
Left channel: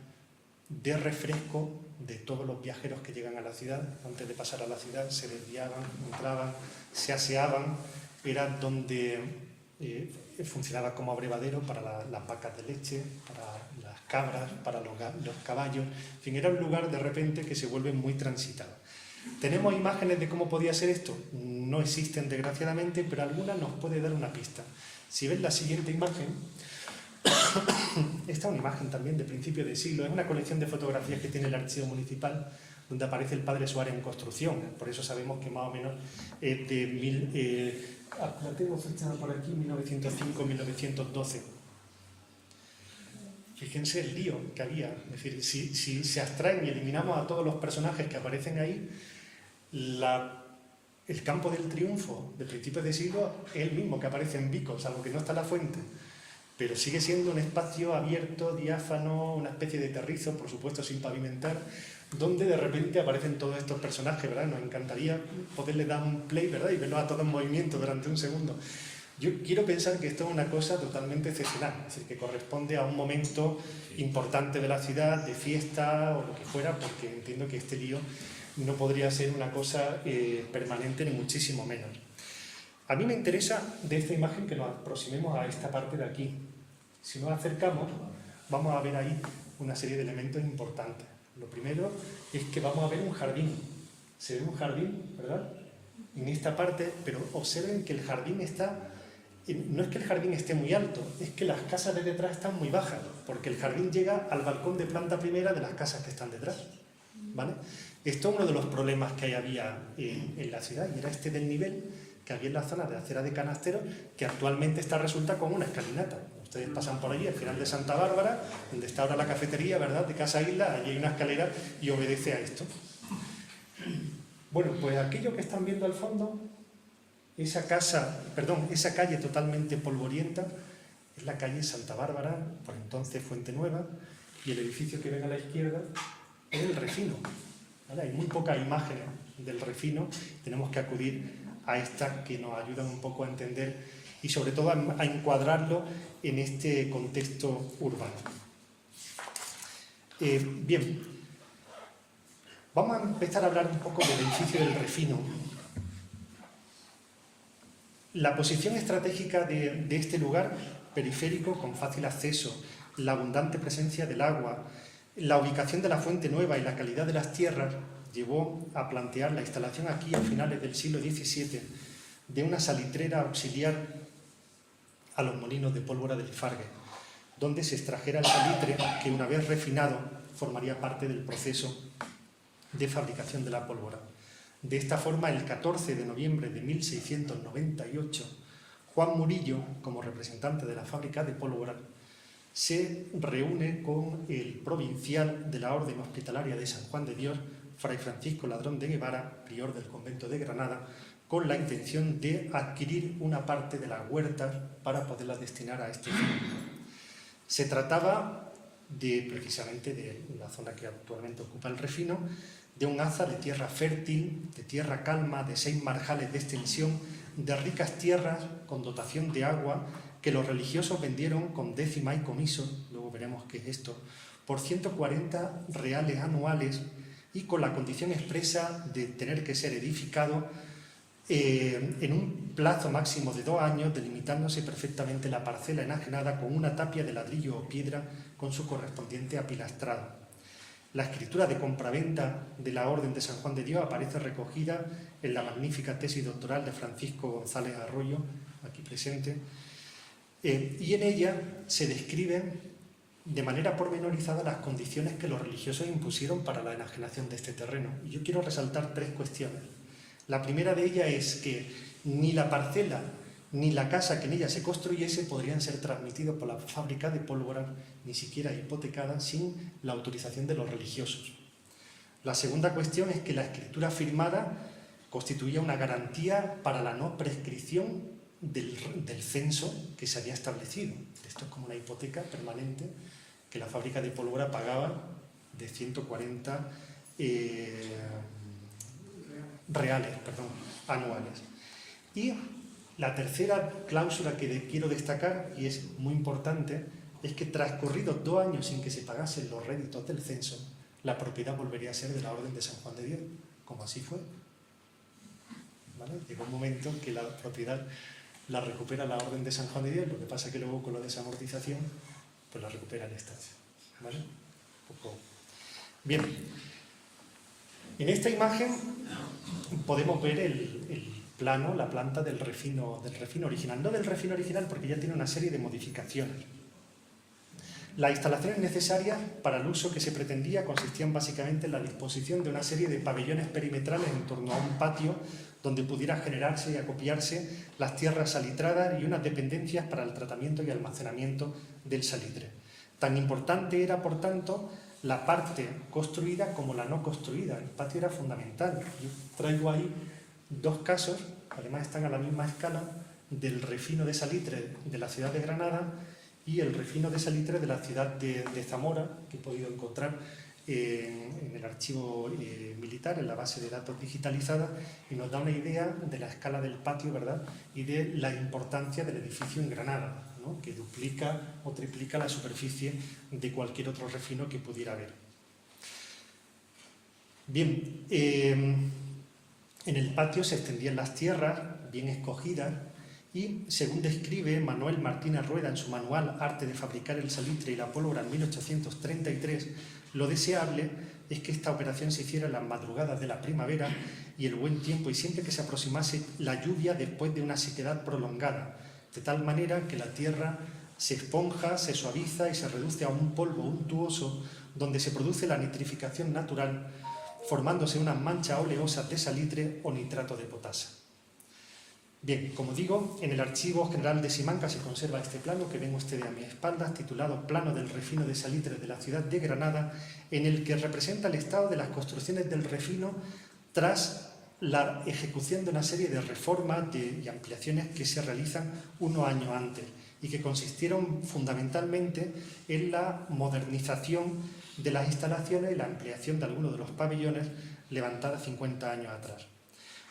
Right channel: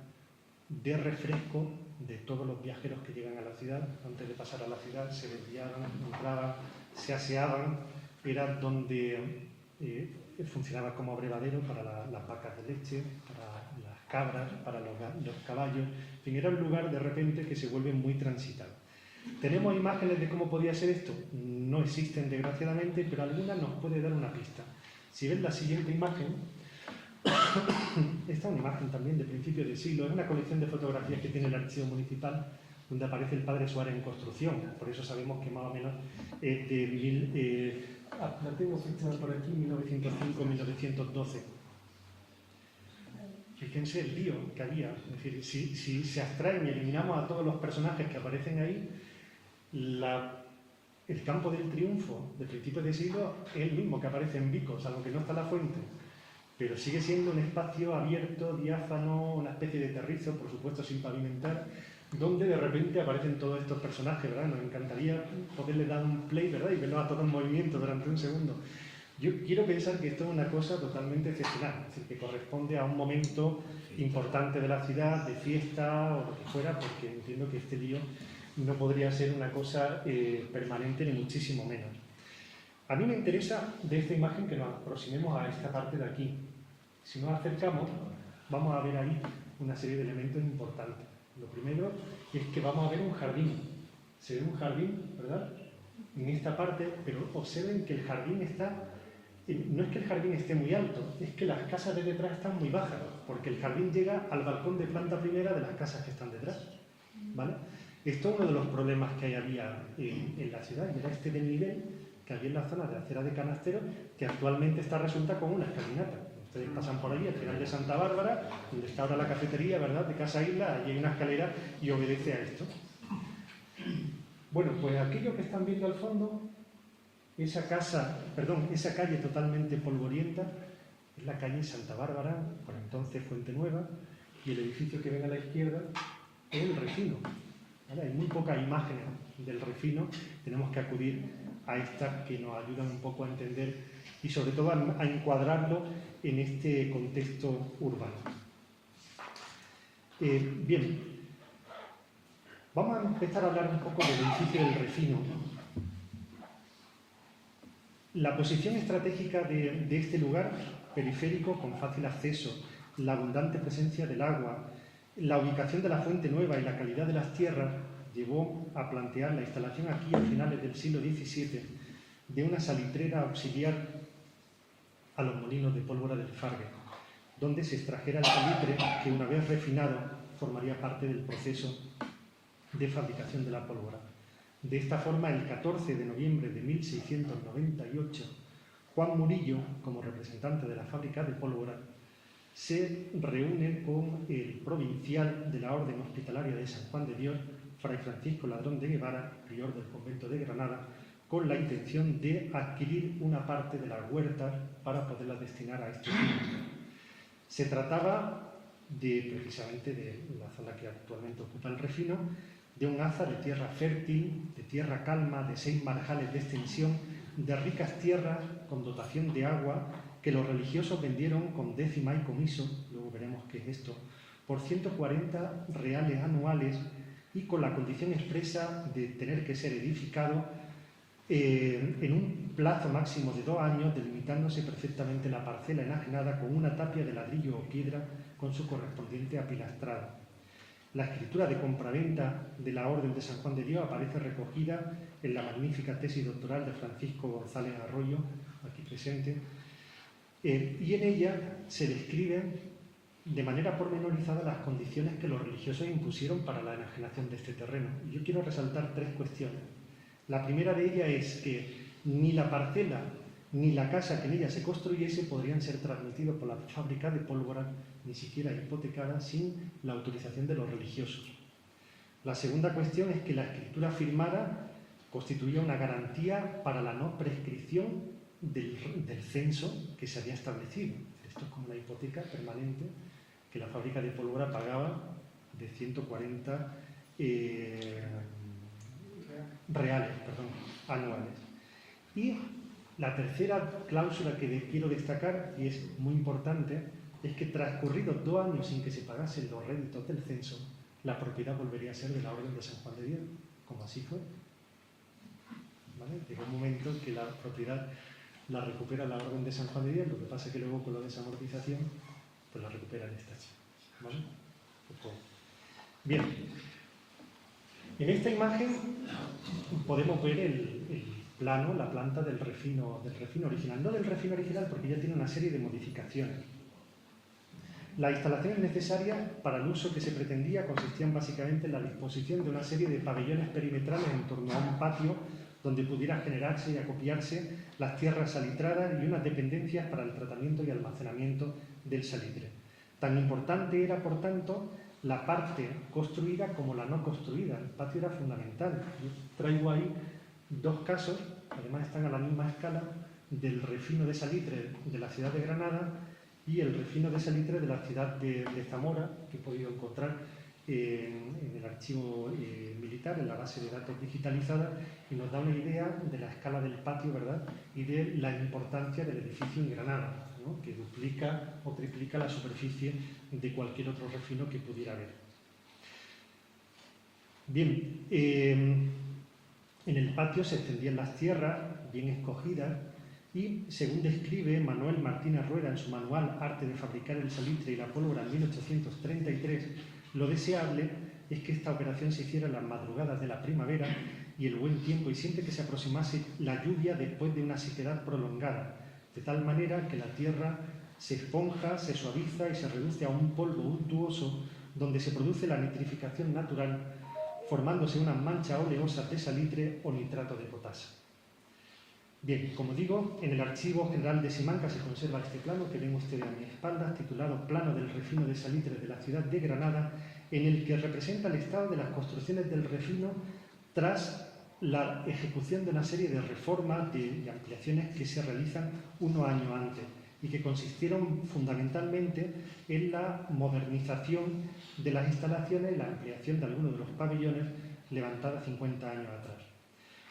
de refresco de todos los viajeros que llegan a la ciudad. Antes de pasar a la ciudad se desviaban, entraban, se aseaban, era donde funcionaba como abrevadero para las vacas de leche, para las cabras, para los caballos, en fin, era un lugar de repente que se vuelve muy transitado. ¿Tenemos imágenes de cómo podía ser esto? No existen desgraciadamente, pero alguna nos puede dar una pista. Si ven la siguiente imagen, esta es una imagen también de principio de siglo, es una colección de fotografías que tiene el Archivo Municipal, donde aparece el Padre Suárez en construcción, por eso sabemos que más o menos la tengo fechada por aquí, 1905-1912. Fíjense el lío que había, es decir, si se abstraen y eliminamos a todos los personajes que aparecen ahí, el campo del triunfo de principios de siglo es el mismo que aparece en Vico, salvo que no está la fuente, pero sigue siendo un espacio abierto, diáfano, una especie de terrizo, por supuesto sin pavimentar, donde de repente aparecen todos estos personajes, ¿verdad? Nos encantaría poderle dar un play, ¿verdad? Y verlos a todos en movimiento durante un segundo. Yo quiero pensar que esto es una cosa totalmente excepcional, es decir, que corresponde a un momento importante de la ciudad, de fiesta o lo que fuera, porque entiendo que este lío no podría ser una cosa permanente ni muchísimo menos. A mí me interesa de esta imagen que nos aproximemos a esta parte de aquí. Si nos acercamos, vamos a ver ahí una serie de elementos importantes. Lo primero es que vamos a ver un jardín. Se ve un jardín, ¿verdad? En esta parte, pero observen que el jardín está... No es que el jardín esté muy alto, es que las casas de detrás están muy bajas, porque el jardín llega al balcón de planta primera de las casas que están detrás, ¿vale? Esto es uno de los problemas que había en la ciudad, y era este desnivel que había en la zona de acera de Canasteros, que actualmente resulta como una escalinata. Ustedes pasan por allí, al final de Santa Bárbara, donde está ahora la cafetería, ¿verdad?, de Casa Isla, allí hay una escalera y obedece a esto. Bueno, pues aquello que están viendo al fondo, esa calle totalmente polvorienta, es la calle Santa Bárbara, por entonces Fuente Nueva, y el edificio que ven a la izquierda es el Refino. ¿Vale? Hay muy pocas imágenes del Refino, tenemos que acudir a estas que nos ayudan un poco a entender y sobre todo a encuadrarlo en este contexto urbano. Bien, vamos a empezar a hablar un poco del edificio del Refino. La posición estratégica de este lugar periférico con fácil acceso, la abundante presencia del agua, la ubicación de la Fuente Nueva y la calidad de las tierras llevó a plantear la instalación aquí a finales del siglo XVII de una salitrera auxiliar a los molinos de pólvora del Ifargue, donde se extrajera el salitre que una vez refinado formaría parte del proceso de fabricación de la pólvora. De esta forma, el 14 de noviembre de 1698, Juan Murillo, como representante de la fábrica de pólvora, se reúne con el provincial de la Orden Hospitalaria de San Juan de Dios, Fray Francisco Ladrón de Guevara, prior del convento de Granada, con la intención de adquirir una parte de las huertas para poderlas destinar a este fin. Se trataba precisamente de la zona que actualmente ocupa el Refino, de un haza de tierra fértil, de tierra calma, de 6 marjales de extensión, de ricas tierras con dotación de agua que los religiosos vendieron con décima y comiso, luego veremos qué es esto, por 140 reales anuales y con la condición expresa de tener que ser edificado en un plazo máximo de 2 años, delimitándose perfectamente la parcela enajenada con una tapia de ladrillo o piedra con su correspondiente apilastrado. La escritura de compraventa de la Orden de San Juan de Dios aparece recogida en la magnífica tesis doctoral de Francisco González Arroyo, aquí presente, y en ella se describen de manera pormenorizada las condiciones que los religiosos impusieron para la enajenación de este terreno. Y yo quiero resaltar 3 cuestiones. La primera de ellas es que ni la parcela ni la casa que en ella se construyese podrían ser transmitidos por la fábrica de pólvora, ni siquiera hipotecadas, sin la autorización de los religiosos. La segunda cuestión es que la escritura firmada constituía una garantía para la no prescripción del censo que se había establecido. Esto es como una hipoteca permanente que la fábrica de pólvora pagaba de 140 reales anuales. Y la tercera cláusula que quiero destacar, y es muy importante, es que transcurridos 2 años sin que se pagasen los réditos del censo, la propiedad volvería a ser de la Orden de San Juan de Dios, como así fue. ¿Vale? Llegó un momento que la propiedad la recupera la Orden de San Juan de Dios, lo que pasa es que luego con la desamortización pues la recupera el Estado. ¿Vale? Bien, en esta imagen podemos ver el plano, la planta del refino original. No del refino original porque ya tiene una serie de modificaciones. Las instalaciones necesarias para el uso que se pretendía consistían básicamente en la disposición de una serie de pabellones perimetrales en torno a un patio donde pudiera generarse y acopiarse las tierras salitradas y unas dependencias para el tratamiento y almacenamiento del salitre. Tan importante era, por tanto, la parte construida como la no construida. El patio era fundamental. Yo traigo ahí 2 casos, además están a la misma escala, del refino de salitre de la ciudad de Granada y el refino de salitre de la ciudad de Zamora, que he podido encontrar en el archivo militar, en la base de datos digitalizada, y nos da una idea de la escala del patio, ¿verdad?, y de la importancia del edificio en Granada, ¿no?, que duplica o triplica la superficie de cualquier otro refino que pudiera haber. Bien, en el patio se extendían las tierras bien escogidas y, según describe Manuel Martínez Rueda en su manual Arte de fabricar el salitre y la pólvora en 1833, lo deseable es que esta operación se hiciera en las madrugadas de la primavera y el buen tiempo, y siempre que se aproximase la lluvia después de una sequedad prolongada, de tal manera que la tierra se esponja, se suaviza y se reduce a un polvo untuoso donde se produce la nitrificación natural, formándose unas manchas oleosas de salitre o nitrato de potasa. Bien, como digo, en el Archivo General de Simancas se conserva este plano que ven ustedes a mi espalda, titulado Plano del refino de salitre de la ciudad de Granada, en el que representa el estado de las construcciones del refino tras la ejecución de una serie de reformas y ampliaciones que se realizan unos años antes y que consistieron fundamentalmente en la modernización de las instalaciones y la ampliación de algunos de los pabellones levantadas 50 años atrás.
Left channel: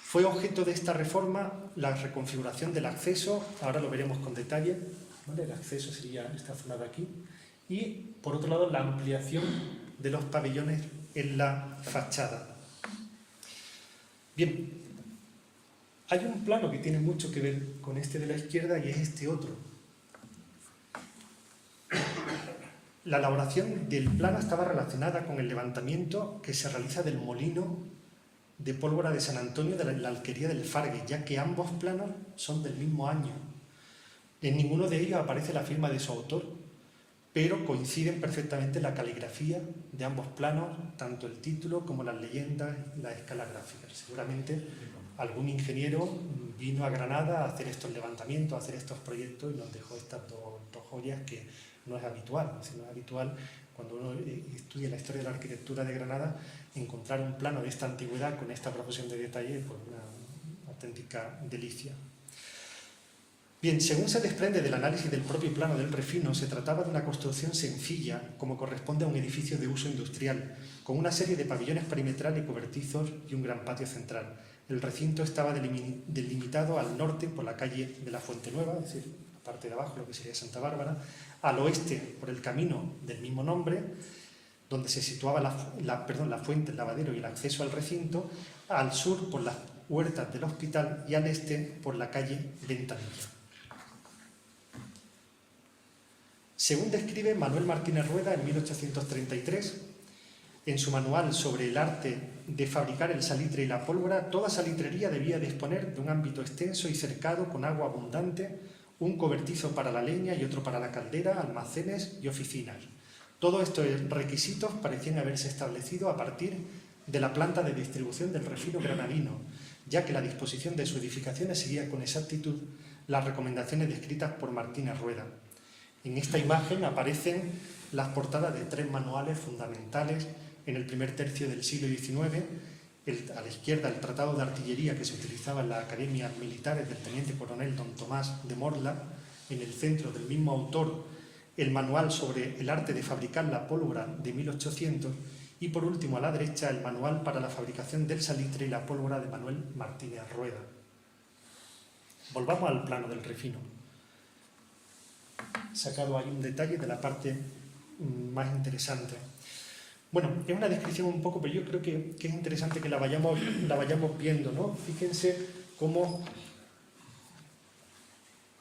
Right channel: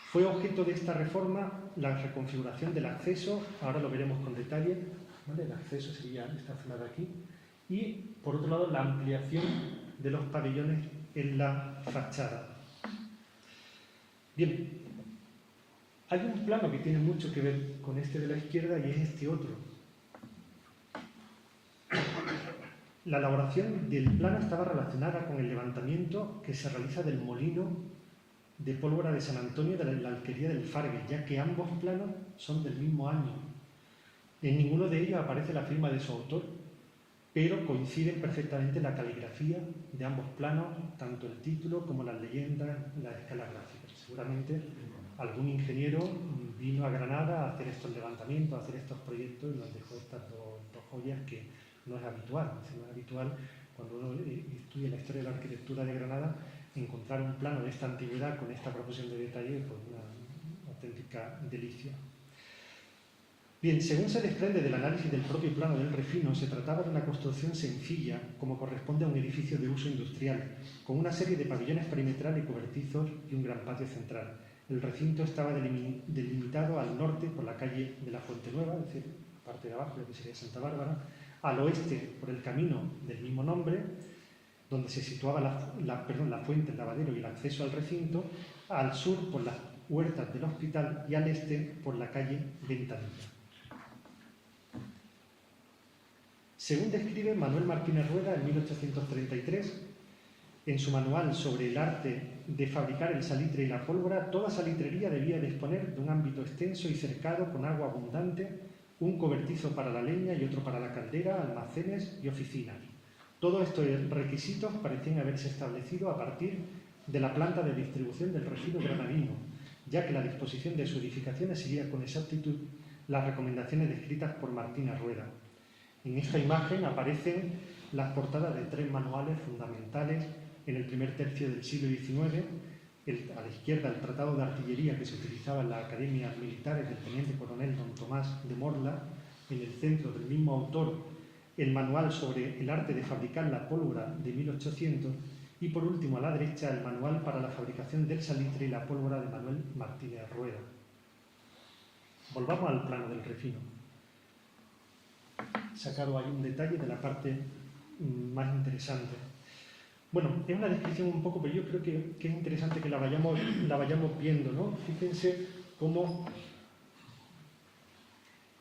Fue objeto de esta reforma la reconfiguración del acceso, ahora lo veremos con detalle, ¿vale? El acceso sería esta zona de aquí, y por otro lado la ampliación de los pabellones en la fachada. Bien, hay un plano que tiene mucho que ver con este de la izquierda y es este otro. La elaboración del plano estaba relacionada con el levantamiento que se realiza del molino de pólvora de San Antonio de la alquería del Fargue, ya que ambos planos son del mismo año. En ninguno de ellos aparece la firma de su autor, pero coinciden perfectamente la caligrafía de ambos planos, tanto el título como las leyendas, la escala gráfica. Seguramente algún ingeniero vino a Granada a hacer estos levantamientos, a hacer estos proyectos y nos dejó estas dos joyas que no es habitual. No es habitual cuando uno estudia la historia de la arquitectura de Granada encontrar un plano de esta antigüedad con esta proporción de detalle, pues una auténtica delicia. Bien, según se desprende del análisis del propio plano del refino, se trataba de una construcción sencilla, como corresponde a un edificio de uso industrial, con una serie de pabellones perimetrales y cobertizos y un gran patio central. El recinto estaba delimitado al norte por la calle de la Fuente Nueva, es decir, la parte de abajo, lo que sería Santa Bárbara, al oeste por el camino del mismo nombre, donde se situaba la fuente, el lavadero y el acceso al recinto, al sur por las huertas del hospital y al este por la calle Ventanilla. Según describe Manuel Martínez Rueda en 1833, en su manual sobre el arte de fabricar el salitre y la pólvora, toda salitrería debía disponer de un ámbito extenso y cercado con agua abundante, un cobertizo para la leña y otro para la caldera, almacenes y oficinas. Todos estos requisitos parecían haberse establecido a partir de la planta de distribución del refino granadino, ya que la disposición de sus edificaciones seguía con exactitud las recomendaciones descritas por Martínez Rueda. En esta imagen aparecen las portadas de 3 manuales fundamentales en el primer tercio del siglo XIX. A la izquierda, el tratado de artillería que se utilizaba en las academias militares del teniente coronel don Tomás de Morla. En el centro del mismo autor, el manual sobre el arte de fabricar la pólvora de 1800 y, por último, a la derecha, el manual para la fabricación del salitre y la pólvora de Manuel Martínez Rueda. Volvamos al plano del refino. sacado ahí un detalle de la parte más interesante. Bueno, es una descripción un poco, pero yo creo que es interesante que la vayamos viendo, ¿no? Fíjense cómo,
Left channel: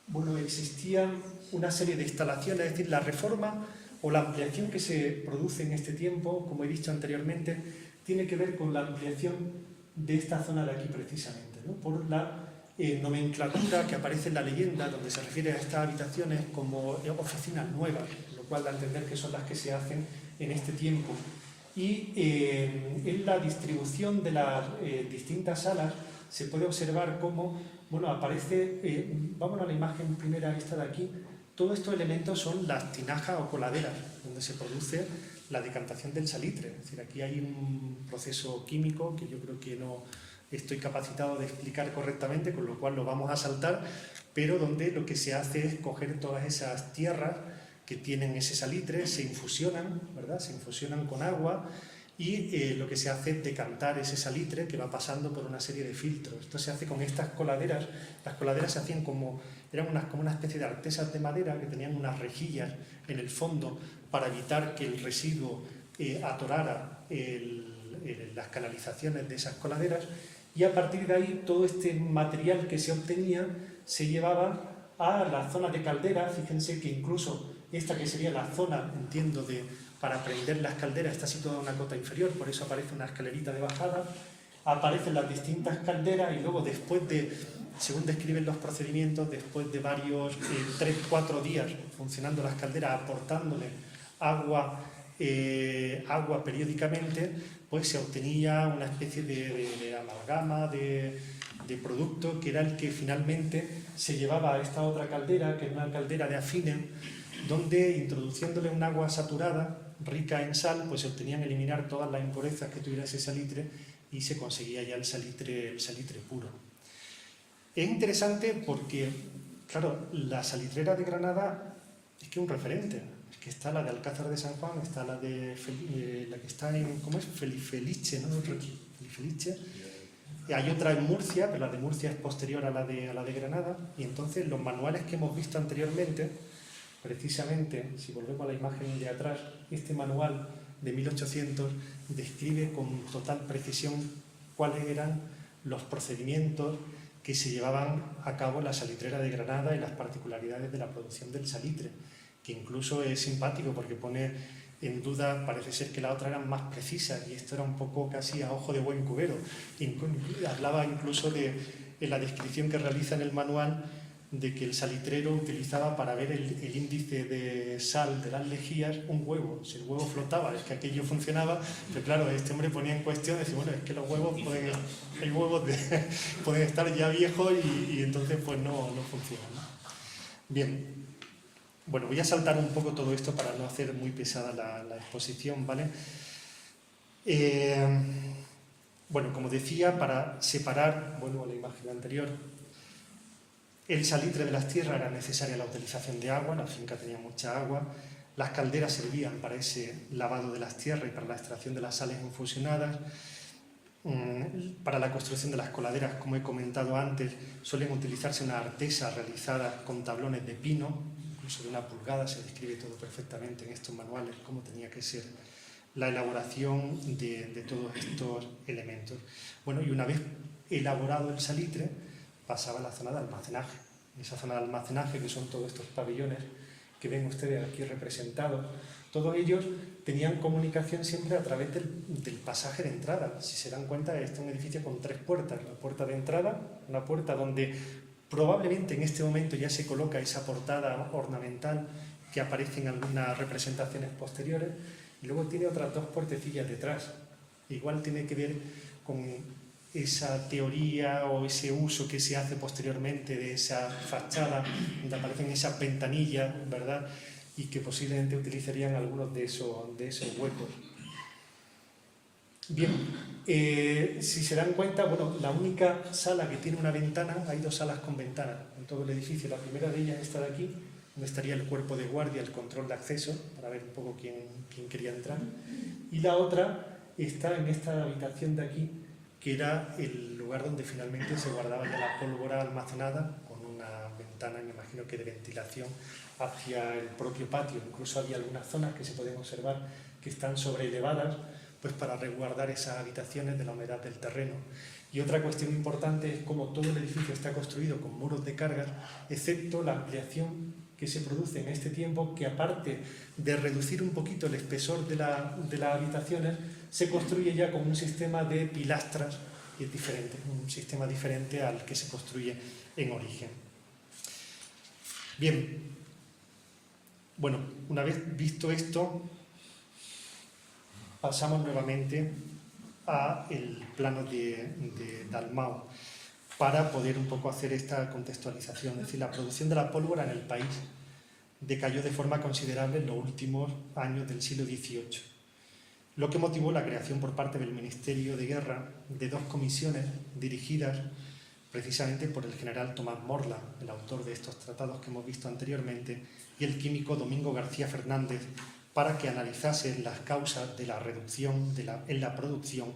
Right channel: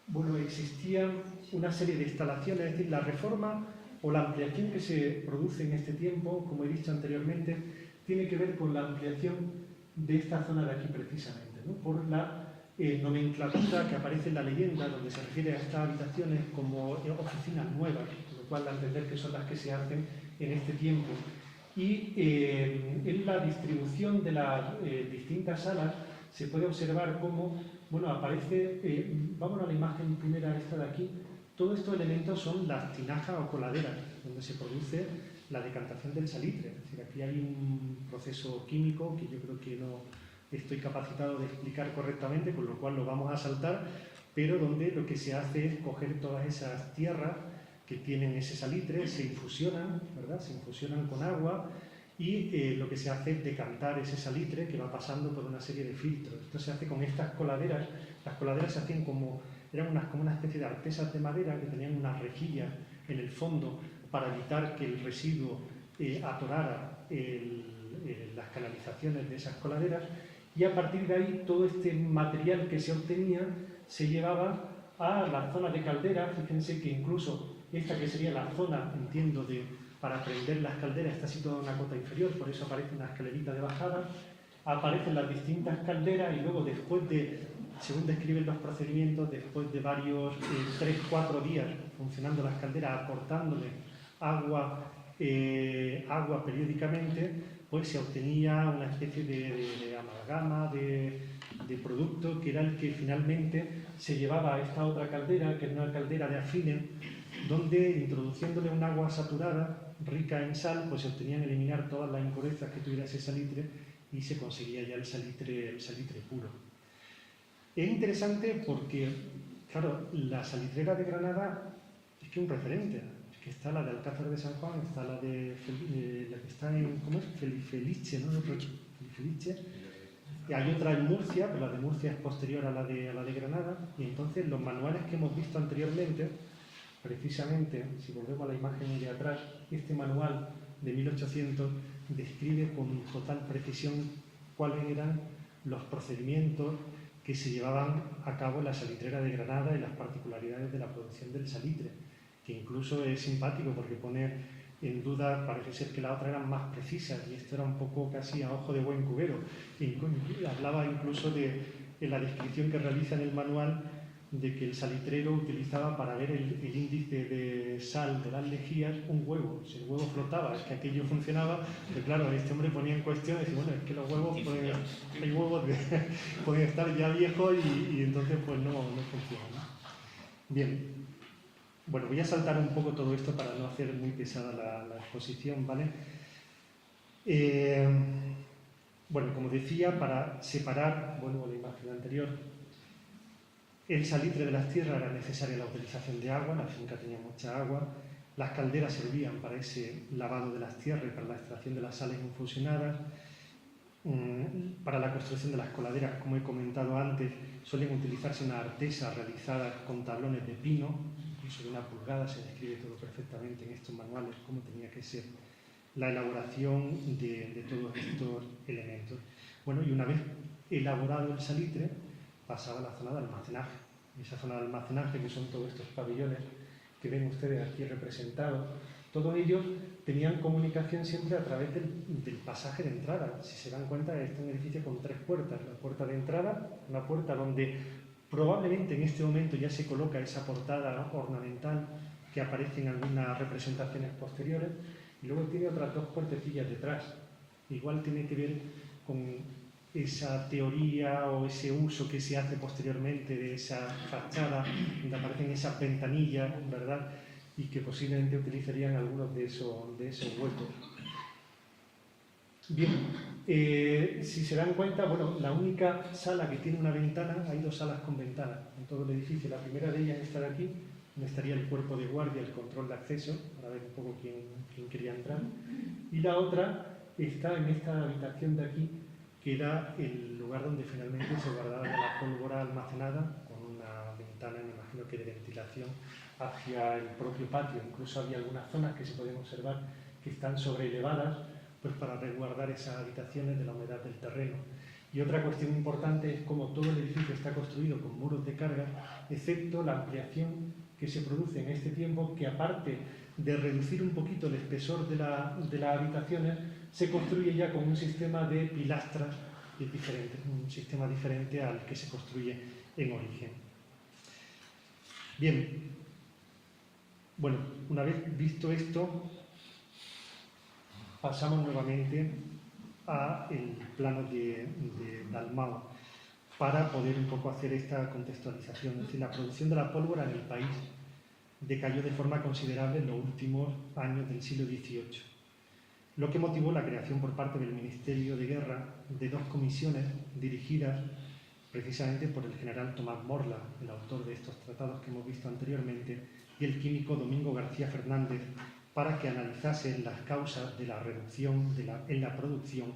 bueno, existía una serie de instalaciones, es decir, la reforma o la ampliación que se produce en este tiempo, como he dicho anteriormente, tiene que ver con la ampliación de esta zona de aquí precisamente, ¿no? Por la nomenclatura que aparece en la leyenda, donde se refiere a estas habitaciones como oficinas nuevas, lo cual da a entender que son las que se hacen en este tiempo. Y en la distribución de las distintas salas se puede observar cómo, bueno, aparece, vamos a la imagen primera, esta de aquí, todos estos elementos son las tinajas o coladeras, donde se produce la decantación del salitre. Es decir, aquí hay un proceso químico que yo creo que no estoy capacitado de explicar correctamente, con lo cual lo vamos a saltar, pero donde lo que se hace es coger todas esas tierras que tienen ese salitre, se infusionan, ¿verdad? Se infusionan con agua y lo que se hace es decantar ese salitre que va pasando por una serie de filtros. Esto se hace con estas coladeras. Las coladeras se hacían como una especie de artesas de madera que tenían unas rejillas en el fondo para evitar que el residuo atorara las canalizaciones de esas coladeras, y a partir de ahí todo este material que se obtenía se llevaba a la zona de caldera. Fíjense que incluso esta que sería la zona, entiendo, para prender las calderas está situada en una cota inferior, por eso aparece una escalerita de bajada, aparecen las distintas calderas y luego después de, según describen los procedimientos, después de varios 3-4 días funcionando las calderas, aportándole agua periódicamente, pues se obtenía una especie de amalgama, de producto que era el que finalmente se llevaba a esta otra caldera, que es una caldera de afine, donde introduciéndole un agua saturada, rica en sal, pues se obtenían eliminar todas las impurezas que tuviera ese salitre y se conseguía ya el salitre puro. Es interesante porque, claro, la salitrera de Granada es que es un referente. Es que está la de Alcázar de San Juan, está la que está en, ¿cómo es? Felice, ¿no? Felice. Y hay otra en Murcia, pero la de Murcia es posterior a la de Granada, y entonces los manuales que hemos visto anteriormente, precisamente, si volvemos a la imagen de atrás, este manual de 1800 describe con total precisión cuáles eran los procedimientos que se llevaban a cabo en la salitrera de Granada y las particularidades de la producción del salitre, que incluso es simpático porque pone en duda, parece ser que las otras eran más precisas y esto era un poco casi a ojo de buen cubero. Hablaba incluso en la descripción que realiza en el manual de que el salitrero utilizaba para ver el índice de sal de las lejías un huevo. Si el huevo flotaba, es que aquello funcionaba, pero claro, este hombre ponía en cuestión, decía, bueno, es que los huevos pueden estar ya viejos y entonces pues no funcionan, ¿no? Bien, bueno, voy a saltar un poco todo esto para no hacer muy pesada la exposición, ¿vale? Bueno, como decía, para separar, vuelvo a la imagen anterior, el salitre de las tierras era necesaria la utilización de agua, la finca tenía mucha agua, las calderas servían para ese lavado de las tierras y para la extracción de las sales infusionadas. Para la construcción de las coladeras, como he comentado antes, suelen utilizarse una artesa realizada con tablones de pino, incluso de 1 pulgada, se describe todo perfectamente en estos manuales cómo tenía que ser la elaboración de todos estos elementos. Bueno, y una vez elaborado el salitre, pasaba a la zona de almacenaje. Esa zona de almacenaje, que son todos estos pabellones que ven ustedes aquí representados, todos ellos tenían comunicación siempre a través del pasaje de entrada. Si se dan cuenta, este es un edificio con 3 puertas. La puerta de entrada, una puerta donde probablemente en este momento ya se coloca esa portada ornamental que aparece en algunas representaciones posteriores, y luego tiene otras 2 puertecillas detrás. Igual tiene que ver con esa teoría o ese uso que se hace posteriormente de esa fachada, donde aparecen esas ventanillas, ¿verdad? Y que posiblemente utilizarían algunos de esos huecos. Bien, si se dan cuenta, bueno, la única sala que tiene una ventana, hay 2 salas con ventanas en todo el edificio. La primera de ellas está de aquí, donde estaría el cuerpo de guardia, el control de acceso, para ver un poco quién quería entrar. Y la otra está en esta habitación de aquí, que era el lugar donde finalmente se guardaba la pólvora almacenada, con una ventana, me imagino que de ventilación, hacia el propio patio. Incluso había algunas zonas que se pueden observar que están sobreelevadas, pues para resguardar esas habitaciones de la humedad del terreno. Y otra cuestión importante es cómo todo el edificio está construido con muros de cargas, excepto la ampliación que se produce en este tiempo, que aparte de reducir un poquito el espesor de las habitaciones, se construye ya con un sistema de pilastras, y es diferente, un sistema diferente al que se construye en origen. Bien, bueno, una vez visto esto, pasamos nuevamente al plano de Dalmau para poder un poco hacer esta contextualización. Es decir, la producción de la pólvora en el país decayó de forma considerable en los últimos años del siglo XVIII, lo que motivó la creación por parte del Ministerio de Guerra de dos comisiones dirigidas precisamente por el general Tomás Morla, el autor de estos tratados que hemos visto anteriormente, y el químico Domingo García Fernández, para que analizasen las causas de la reducción en la producción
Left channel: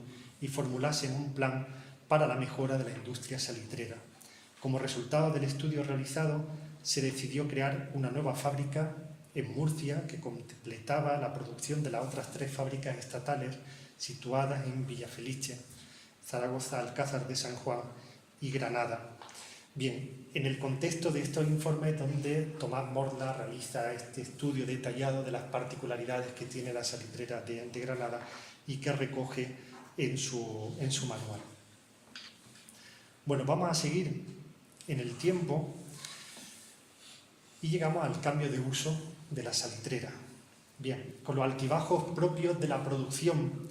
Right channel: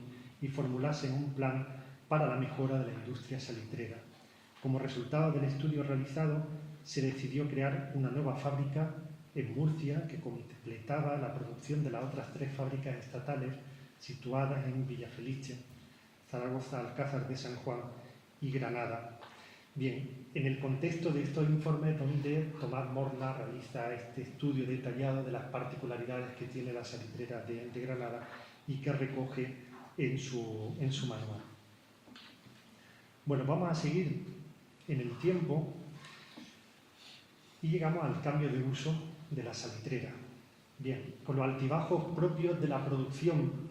y formulasen un plan para la mejora de la industria salitrera. Como resultado del estudio realizado, se decidió crear una nueva fábrica en Murcia que completaba la producción de las otras 3 fábricas estatales situadas en Villafelice, Zaragoza, Alcázar de San Juan y Granada. Bien, en el contexto de estos informes donde Tomás Morla realiza este estudio detallado de las particularidades que tiene la salitrera de Granada y que recoge en su manual. Bueno, vamos a seguir en el tiempo y llegamos al cambio de uso de la salitrera. Bien, con los altibajos propios de la producción,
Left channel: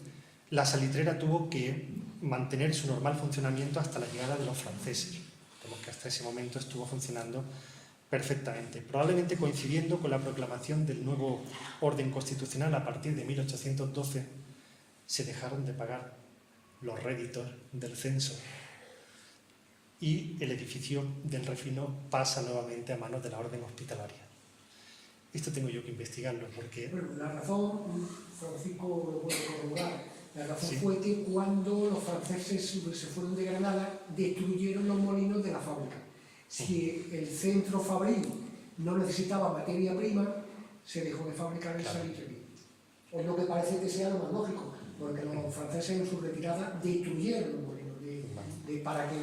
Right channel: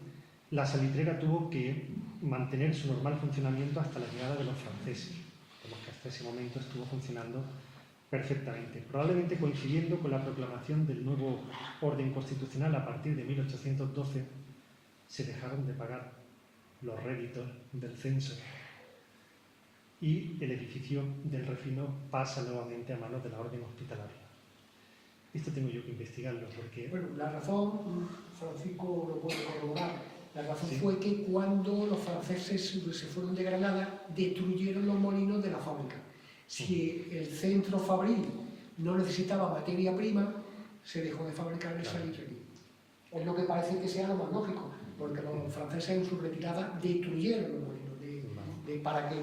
la salitrera tuvo que mantener su normal funcionamiento hasta la llegada de los franceses, que hasta ese momento estuvo funcionando perfectamente, probablemente coincidiendo con la proclamación del nuevo orden constitucional. A partir de 1812 se dejaron de pagar los réditos del censo y el edificio del refino pasa nuevamente a manos de la orden hospitalaria. Esto tengo yo que investigarlo porque... Bueno, la razón, Francisco lo puede corroborar, la razón sí. fue que cuando los franceses se fueron de Granada, destruyeron los molinos de la fábrica. Si el centro fabril no necesitaba materia prima, se dejó de fabricar el salitrería. Es lo que parece que sea lo más lógico, porque los franceses en su retirada destruyeron los molinos para que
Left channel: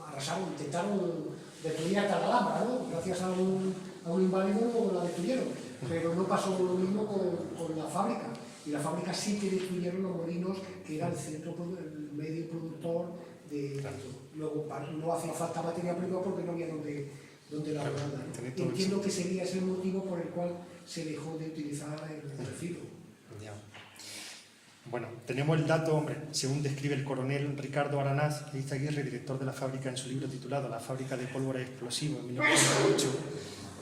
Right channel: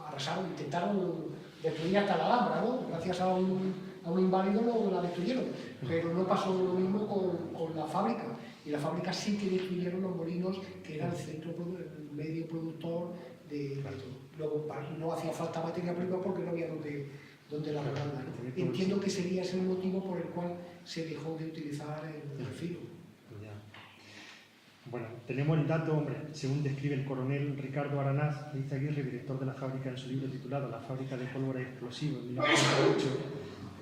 arrasaron, intentaron destruir hasta la Alhambra, ¿no? Gracias a un inválido la destruyeron, pero no pasó lo mismo con la fábrica. Y la fábrica sí que destruyeron los molinos, que era el medio productor de... Luego no hacía falta materia prima porque no había donde la guardar. Entiendo que sería ese el motivo por el cual se dejó de utilizar el refino. Bueno, tenemos el dato, hombre, según describe el coronel Ricardo Aranaz Izaguirre, director de la fábrica, en su libro titulado La fábrica de pólvora y explosivos, en 1908,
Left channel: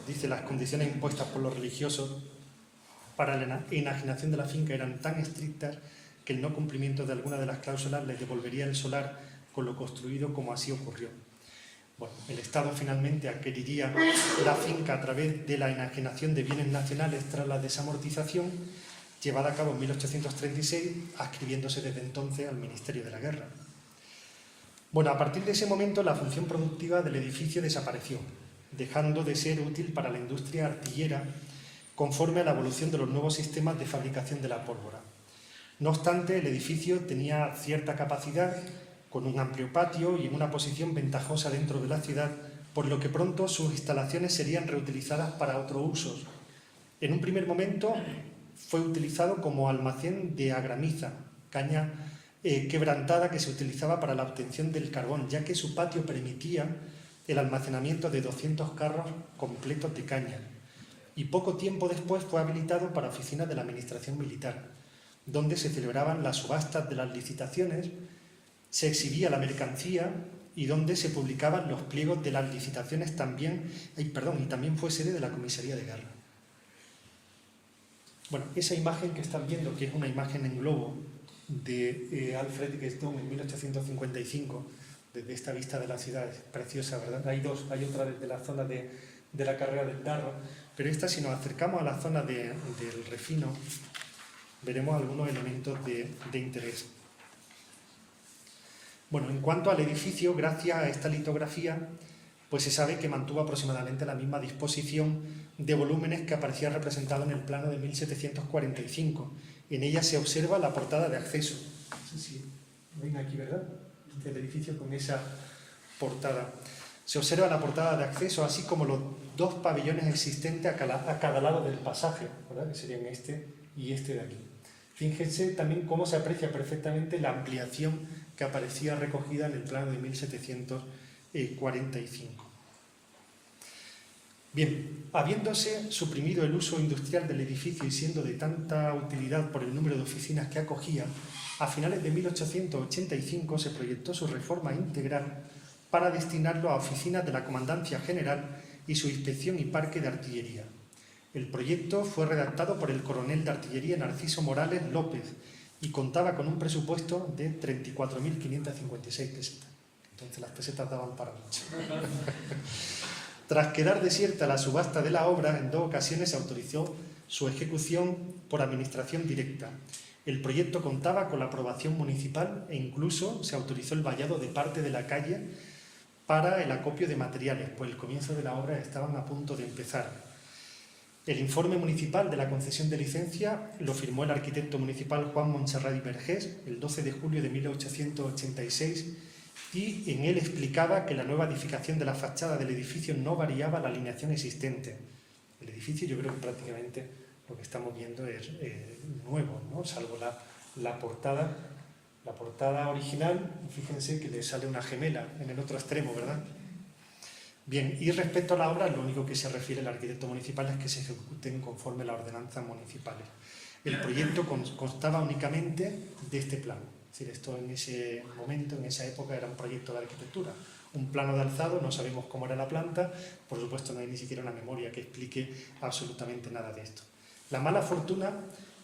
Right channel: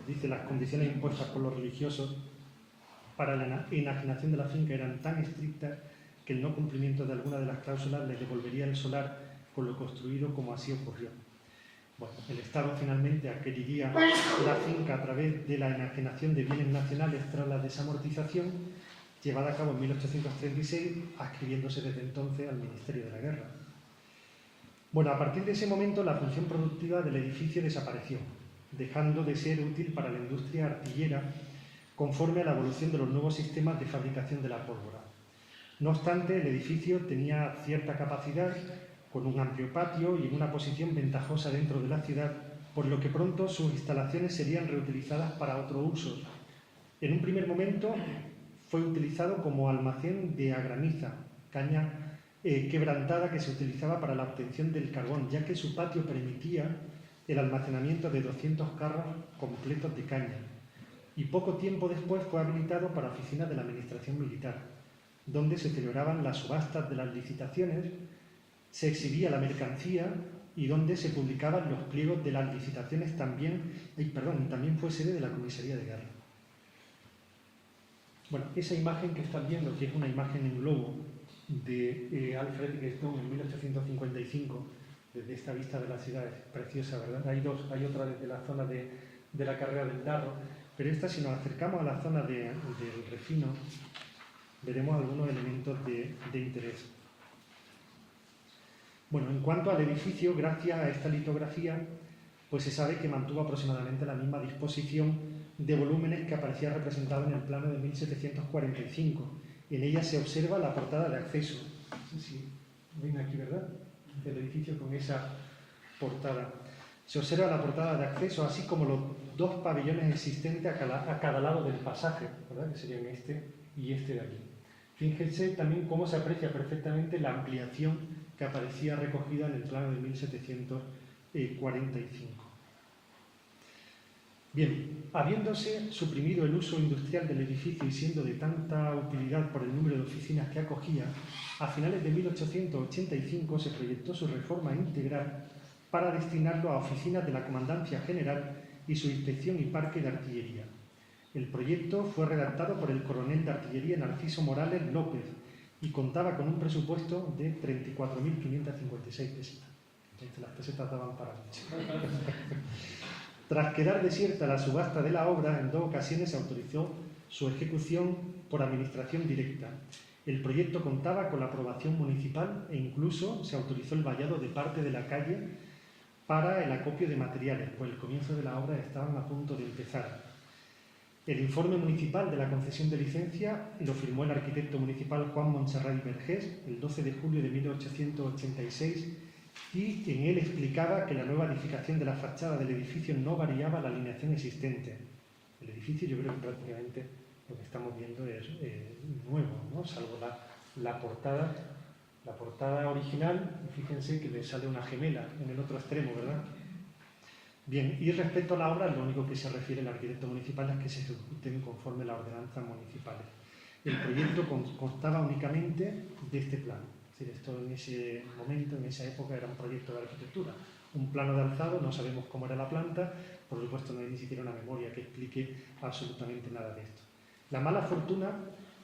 dice: las condiciones impuestas por los religiosos para la enajenación de la finca eran tan estrictas que el no cumplimiento de alguna de las cláusulas les devolvería el solar con lo construido, como así ocurrió. Bueno, el Estado finalmente adquiriría la finca a través de la enajenación de bienes nacionales tras la desamortización, llevada a cabo en 1836, adscribiéndose desde entonces al Ministerio de la Guerra. Bueno, a partir de ese momento la función productiva del edificio desapareció, dejando de ser útil para la industria artillera conforme a la evolución de los nuevos sistemas de fabricación de la pólvora. No obstante, el edificio tenía cierta capacidad, con un amplio patio y en una posición ventajosa dentro de la ciudad, por lo que pronto sus instalaciones serían reutilizadas para otros usos. En un primer momento fue utilizado como almacén de agramiza, caña quebrantada que se utilizaba para la obtención del carbón, ya que su patio permitía el almacenamiento de 200 carros completos de caña. Y poco tiempo después fue habilitado para oficinas de la Administración Militar, donde se celebraban las subastas de las licitaciones, se exhibía la mercancía y donde se publicaban los pliegos de las licitaciones y también fue sede de la Comisaría de Guerra. Bueno, esa imagen que están viendo, que es una imagen en globo de Alfred Guesdon en 1855, desde esta vista de la ciudad, es preciosa, ¿verdad? Hay otra desde la zona de la carrera del Darro, pero esta, si nos acercamos a la zona del refino, veremos algunos elementos de interés. Bueno, en cuanto al edificio, gracias a esta litografía, pues se sabe que mantuvo aproximadamente la misma disposición de volúmenes que aparecía representado en el plano de 1745. En ella se observa la portada de acceso. No sé si ven aquí, ¿verdad? El edificio con esa portada. Se observa la portada de acceso, así como los dos pabellones existentes a cada lado del pasaje, ¿verdad? Que serían este y este de aquí. Fíjense también cómo se aprecia perfectamente la ampliación que aparecía recogida en el plano de 1745. Bien, habiéndose suprimido el uso industrial del edificio y siendo de tanta utilidad por el número de oficinas que acogía, a finales de 1885 se proyectó su reforma integral para destinarlo a oficinas de la Comandancia General y su inspección y parque de artillería. El proyecto fue redactado por el coronel de artillería Narciso Morales López y contaba con un presupuesto de 34.556 pesetas. Entonces las pesetas daban para mucho. Tras quedar desierta la subasta de la obra, en 2 ocasiones se autorizó su ejecución por administración directa. El proyecto contaba con la aprobación municipal e incluso se autorizó el vallado de parte de la calle para el acopio de materiales, pues el comienzo de la obra estaban a punto de empezar. El informe municipal de la concesión de licencia lo firmó el arquitecto municipal Juan Montserrat y Vergés el 12 de julio de 1886 y en él explicaba que la nueva edificación de la fachada del edificio no variaba la alineación existente. El edificio, yo creo que prácticamente lo que estamos viendo es nuevo, ¿no? Salvo la portada original, fíjense que le sale una gemela en el otro extremo, ¿verdad? Bien, y respecto a la obra, lo único que se refiere el arquitecto municipal es que se ejecuten conforme a las ordenanzas municipales. El proyecto constaba únicamente de este plano. Es decir, esto en ese momento, en esa época, era un proyecto de arquitectura. Un plano de alzado, no sabemos cómo era la planta, por supuesto no hay ni siquiera una memoria que explique absolutamente nada de esto. La mala fortuna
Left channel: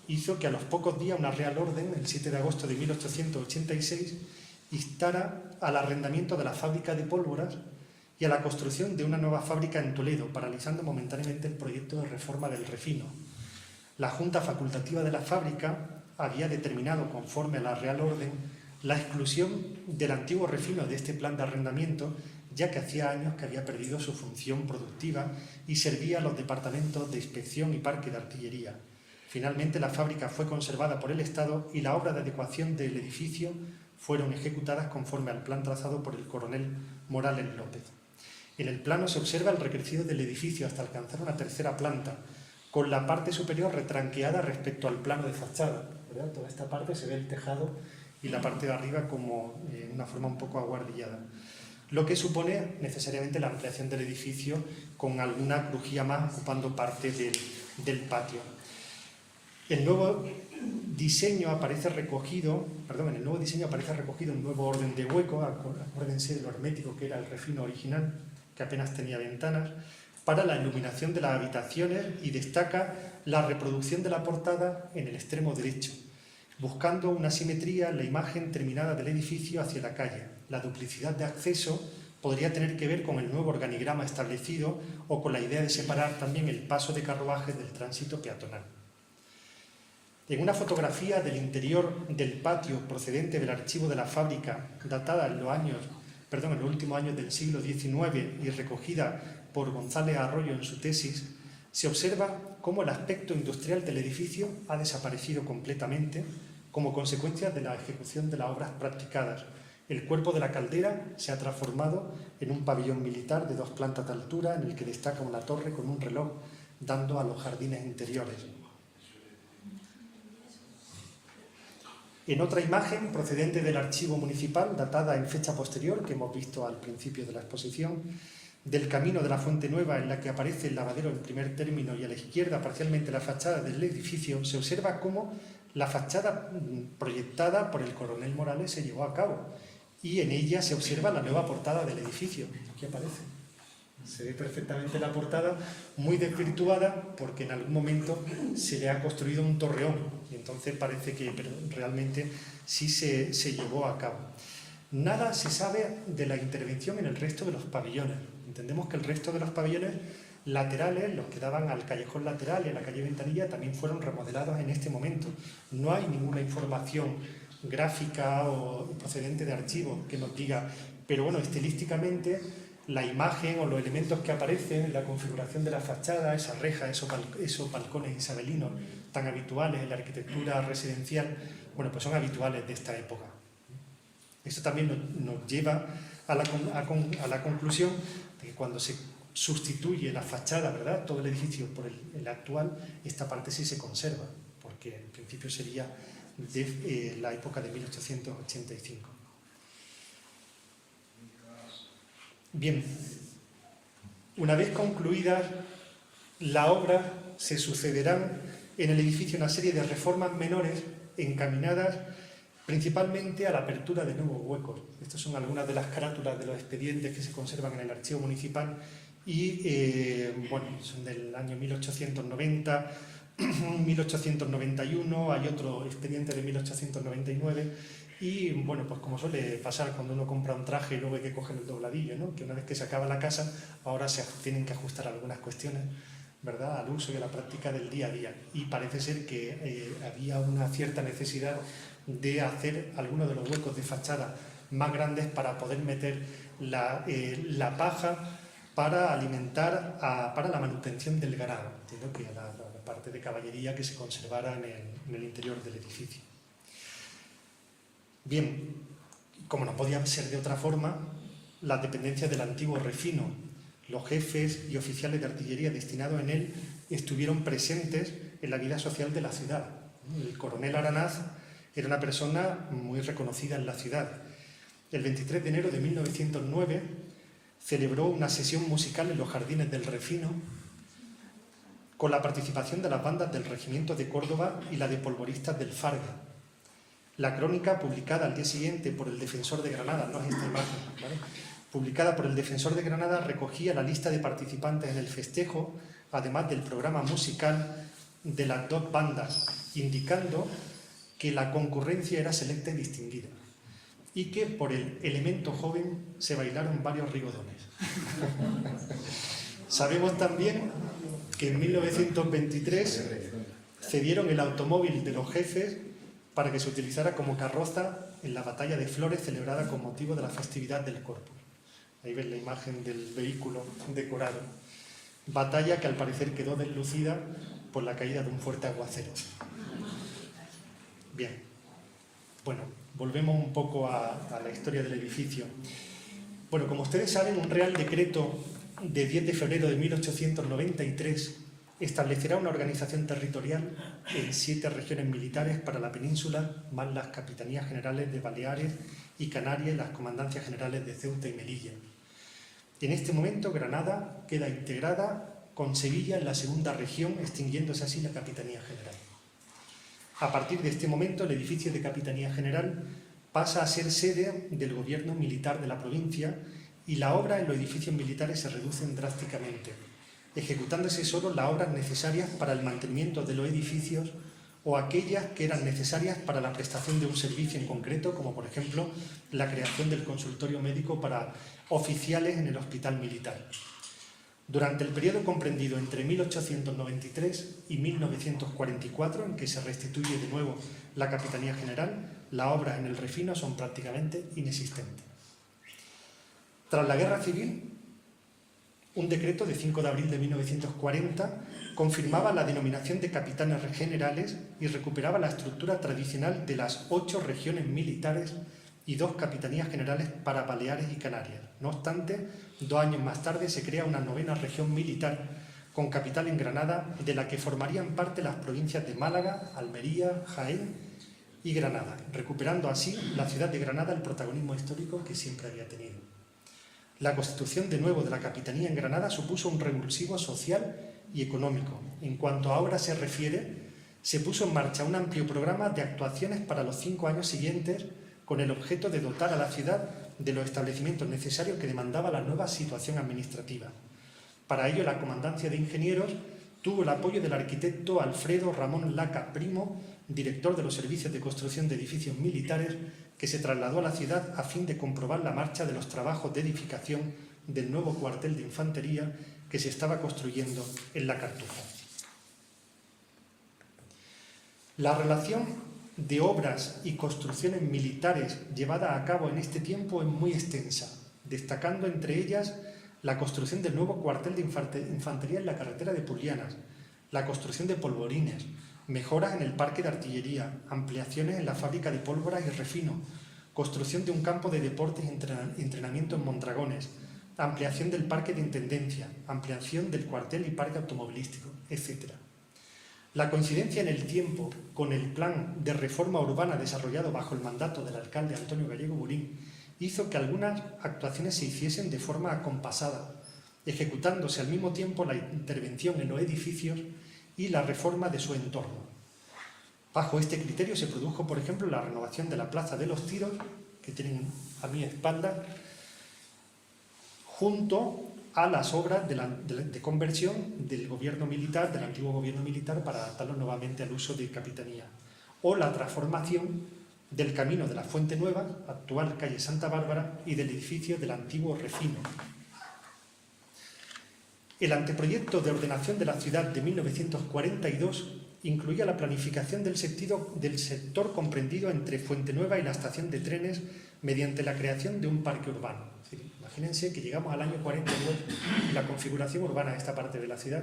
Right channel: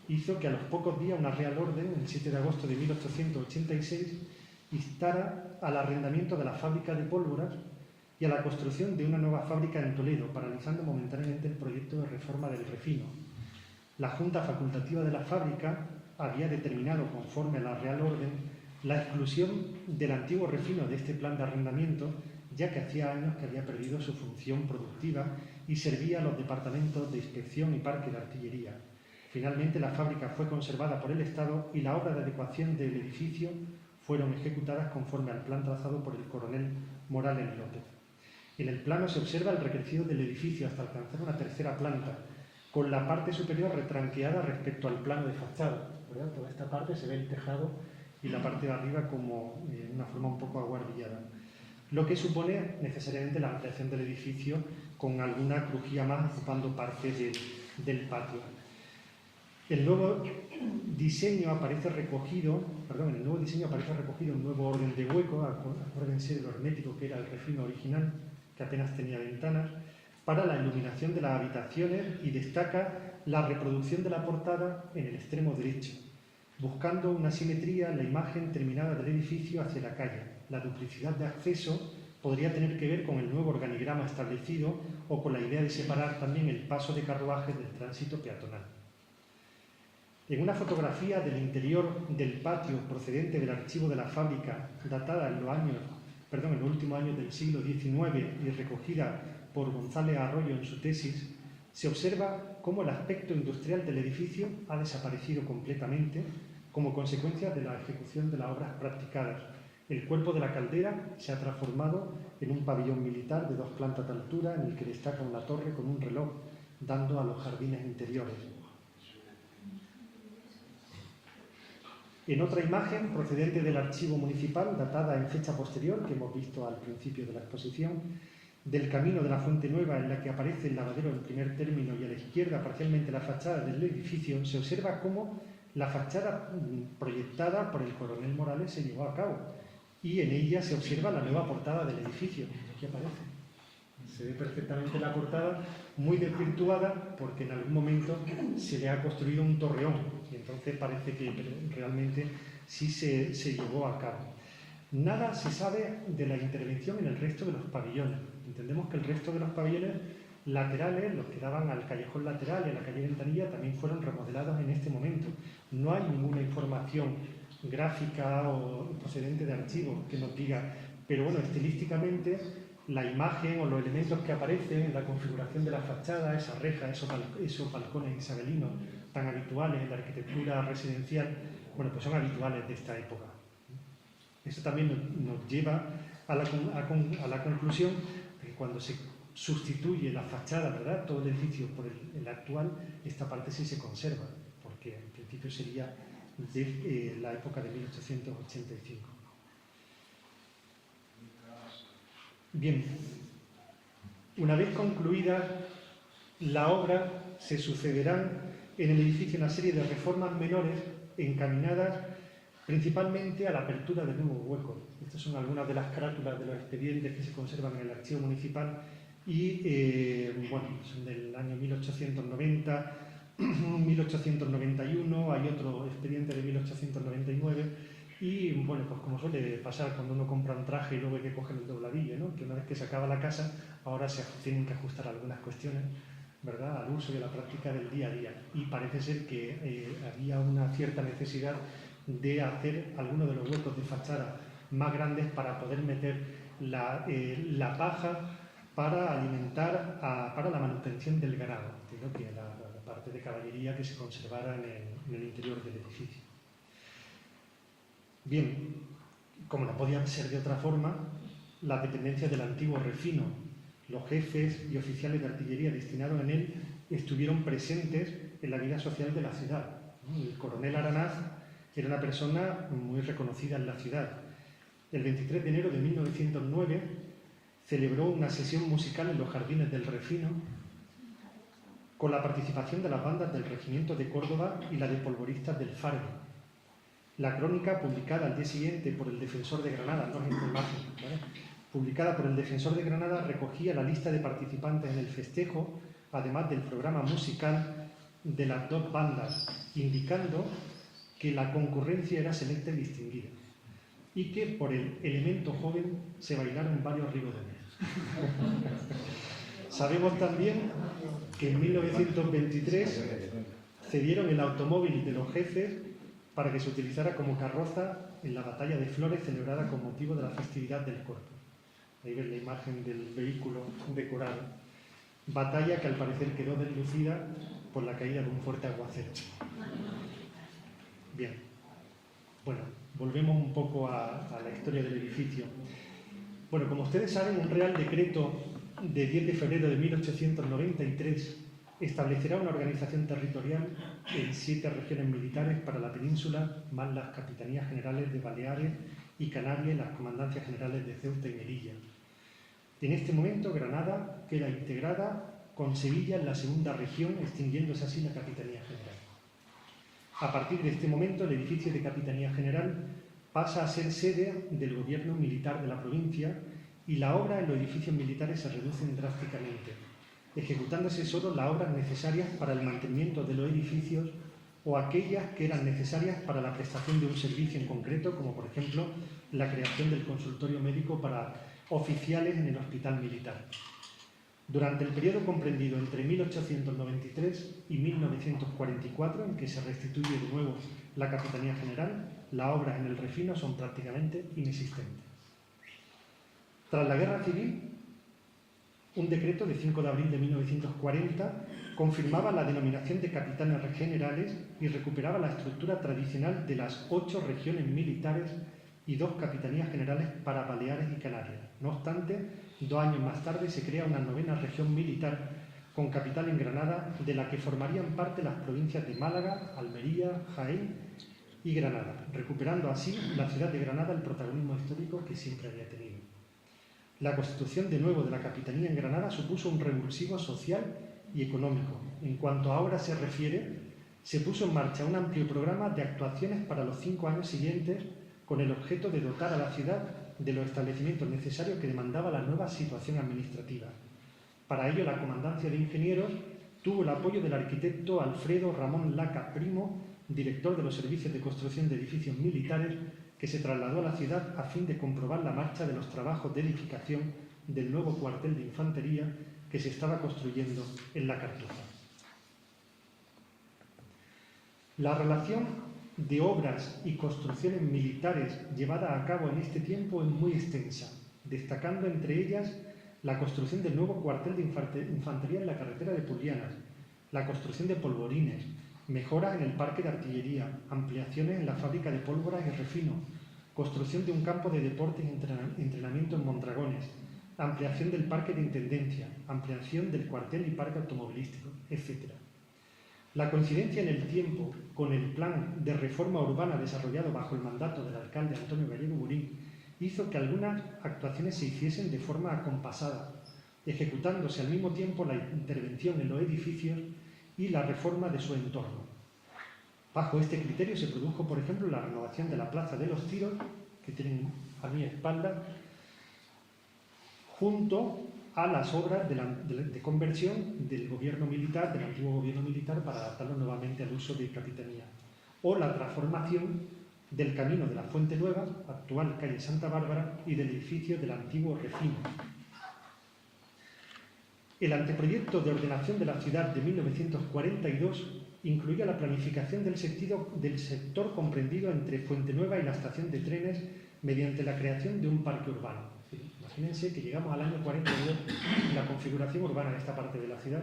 hizo que a los pocos días una Real Orden, el 7 de agosto de 1886, instara al arrendamiento de la fábrica de pólvoras y a la construcción de una nueva fábrica en Toledo, paralizando momentáneamente el proyecto de reforma del refino. La Junta Facultativa de la fábrica había determinado, conforme a la Real Orden, la exclusión del antiguo refino de este plan de arrendamiento, ya que hacía años que había perdido su función productiva y servía a los departamentos de inspección y parque de artillería. Finalmente, la fábrica fue conservada por el Estado y la obra de adecuación del edificio fueron ejecutadas conforme al plan trazado por el coronel Morales López. En el plano se observa el recrecido del edificio hasta alcanzar una tercera planta, con la parte superior retranqueada respecto al plano de fachada, ¿verdad? Toda esta parte se ve el tejado y la parte de arriba como una forma un poco aguardillada, lo que supone necesariamente la ampliación del edificio con alguna crujía más ocupando parte del patio. En el nuevo diseño aparece recogido un nuevo orden de hueco, acuérdense de lo hermético que era el refino original, que apenas tenía ventanas, para la iluminación de las habitaciones y destaca la reproducción de la portada en el extremo derecho, buscando una simetría en la imagen terminada del edificio hacia la calle. La duplicidad de acceso podría tener que ver con el nuevo organigrama establecido o con la idea de separar también el paso de carruajes del tránsito peatonal. En una fotografía del interior del patio procedente del archivo de la fábrica, datada en los últimos años del siglo XIX y recogida por González Arroyo en su tesis, se observa cómo el aspecto industrial del edificio ha desaparecido completamente como consecuencia de la ejecución de las obras practicadas. El cuerpo de la caldera se ha transformado en un pabellón militar de 2 plantas de altura en el que destaca una torre con un reloj dando a los jardines interiores. En otra imagen procedente del archivo municipal, datada en fecha posterior, que hemos visto al principio de la exposición, del camino de la Fuente Nueva, en la que aparece el lavadero en primer término y a la izquierda parcialmente la fachada del edificio, se observa cómo la fachada proyectada por el coronel Morales se llevó a cabo y en ella se observa la nueva portada del edificio. Aquí aparece. Se ve perfectamente la portada, muy desvirtuada porque en algún momento se le ha construido un torreón y entonces parece que realmente sí se llevó a cabo. Nada se sabe de la intervención en el resto de los pabellones. Entendemos que el resto de los pabellones laterales, los que daban al callejón lateral y a la calle Ventanilla, también fueron remodelados en este momento. No hay ninguna información gráfica o procedente de archivos que nos diga, pero bueno, estilísticamente la imagen o los elementos que aparecen en la configuración de la fachada, esas rejas, esos balcones isabelinos tan habituales en la arquitectura residencial, bueno, pues son habituales de esta época. Esto también nos lleva a la conclusión de que cuando se sustituye la fachada, ¿verdad?, todo el edificio por el actual, esta parte sí se conserva, porque en principio sería de la época de 1885. Bien, una vez concluida la obra, se sucederán en el edificio una serie de reformas menores encaminadas principalmente a la apertura de nuevos huecos. Estas son algunas de las carátulas de los expedientes que se conservan en el archivo municipal y bueno, son del año 1890, 1891, hay otro expediente de 1899 y bueno, pues como suele pasar cuando uno compra un traje y luego hay que coger el dobladillo, ¿no?, que una vez que se acaba la casa, ahora se tienen que ajustar algunas cuestiones, ¿verdad?, al uso y a la práctica del día a día, y parece ser que había una cierta necesidad de hacer algunos de los huecos de fachada más grandes para poder meter la paja para alimentar, para la manutención del ganado. Entiendo que la parte de caballería que se conservara en el interior del edificio. Bien, como no podía ser de otra forma, las dependencias del antiguo refino, los jefes y oficiales de artillería destinados en él estuvieron presentes en la vida social de la ciudad. El coronel Aranaz era una persona muy reconocida en la ciudad. El 23 de enero de 1909 celebró una sesión musical en los jardines del Refino con la participación de las bandas del Regimiento de Córdoba y la de polvoristas del Fargue. La crónica, publicada al día siguiente por el Defensor de Granada, no es esta imagen, ¿vale?, publicada por el Defensor de Granada, recogía la lista de participantes en el festejo, además del programa musical de las dos bandas, indicando que la concurrencia era selecta y distinguida y que por el elemento joven se bailaron varios rigodones. Sabemos también que en 1923 cedieron el automóvil de los jefes para que se utilizara como carroza en la batalla de Flores celebrada con motivo de la festividad del Corpus. Ahí ven la imagen del vehículo decorado. Batalla que al parecer quedó deslucida por la caída de un fuerte aguacero. Bien, bueno, volvemos un poco a la historia del edificio. Bueno, como ustedes saben, un Real Decreto de 10 de febrero de 1893 establecerá una organización territorial en 7 regiones militares para la península, más las capitanías generales de Baleares y Canarias y las comandancias generales de Ceuta y Melilla. En este momento, Granada queda integrada con Sevilla en la segunda región, extinguiéndose así la Capitanía General. A partir de este momento, el edificio de Capitanía General pasa a ser sede del gobierno militar de la provincia y la obra en los edificios militares se reducen drásticamente, ejecutándose solo las obras necesarias para el mantenimiento de los edificios o aquellas que eran necesarias para la prestación de un servicio en concreto, como por ejemplo la creación del consultorio médico para oficiales en el hospital militar. Durante el periodo comprendido entre 1893 y 1944, en que se restituye de nuevo la Capitanía General, las obras en el Refino son prácticamente inexistentes. Tras la Guerra Civil, un decreto de 5 de abril de 1940 confirmaba la denominación de capitanes generales y recuperaba la estructura tradicional de las 8 regiones militares y 2 capitanías generales para Baleares y Canarias. No obstante, 2 años más tarde se crea una 9ª región militar con capital en Granada, de la que formarían parte las provincias de Málaga, Almería, Jaén y Granada, recuperando así la ciudad de Granada el protagonismo histórico que siempre había tenido. La constitución de nuevo de la capitanía en Granada supuso un revulsivo social y económico. En cuanto a obra se refiere, se puso en marcha un amplio programa de actuaciones para los 5 años siguientes con el objeto de dotar a la ciudad de los establecimientos necesarios que demandaba la nueva situación administrativa. Para ello, la Comandancia de Ingenieros tuvo el apoyo del arquitecto Alfredo Ramón Laca Primo, director de los servicios de construcción de edificios militares, que se trasladó a la ciudad a fin de comprobar la marcha de los trabajos de edificación del nuevo cuartel de infantería que se estaba construyendo en la Cartuja. La relación de obras y construcciones militares llevada a cabo en este tiempo es muy extensa, destacando entre ellas la construcción del nuevo cuartel de infantería en la carretera de Pulianas, la construcción de polvorines, mejoras en el parque de artillería, ampliaciones en la fábrica de pólvora y refino, construcción de un campo de deportes y entrenamiento en Mondragones, ampliación del parque de intendencia, ampliación del cuartel y parque automovilístico, etc. La coincidencia en el tiempo con el plan de reforma urbana desarrollado bajo el mandato del alcalde Antonio Gallego Burín hizo que algunas actuaciones se hiciesen de forma acompasada, ejecutándose al mismo tiempo la intervención en los edificios y la reforma de su entorno. Bajo este criterio se produjo, por ejemplo, la renovación de la Plaza de los Tiros, que tienen a mi espalda, junto a las obras de conversión del gobierno militar, del antiguo gobierno militar, para adaptarlo nuevamente al uso de capitanía, o la transformación del camino de la Fuente Nueva, actual calle Santa Bárbara, y del edificio del antiguo Refino. El anteproyecto de ordenación de la ciudad de 1942 incluía la planificación del sector comprendido entre Fuente Nueva y la estación de trenes mediante la creación de un parque urbano. Es decir, imagínense que llegamos al año 42 y la configuración urbana de esta parte de la ciudad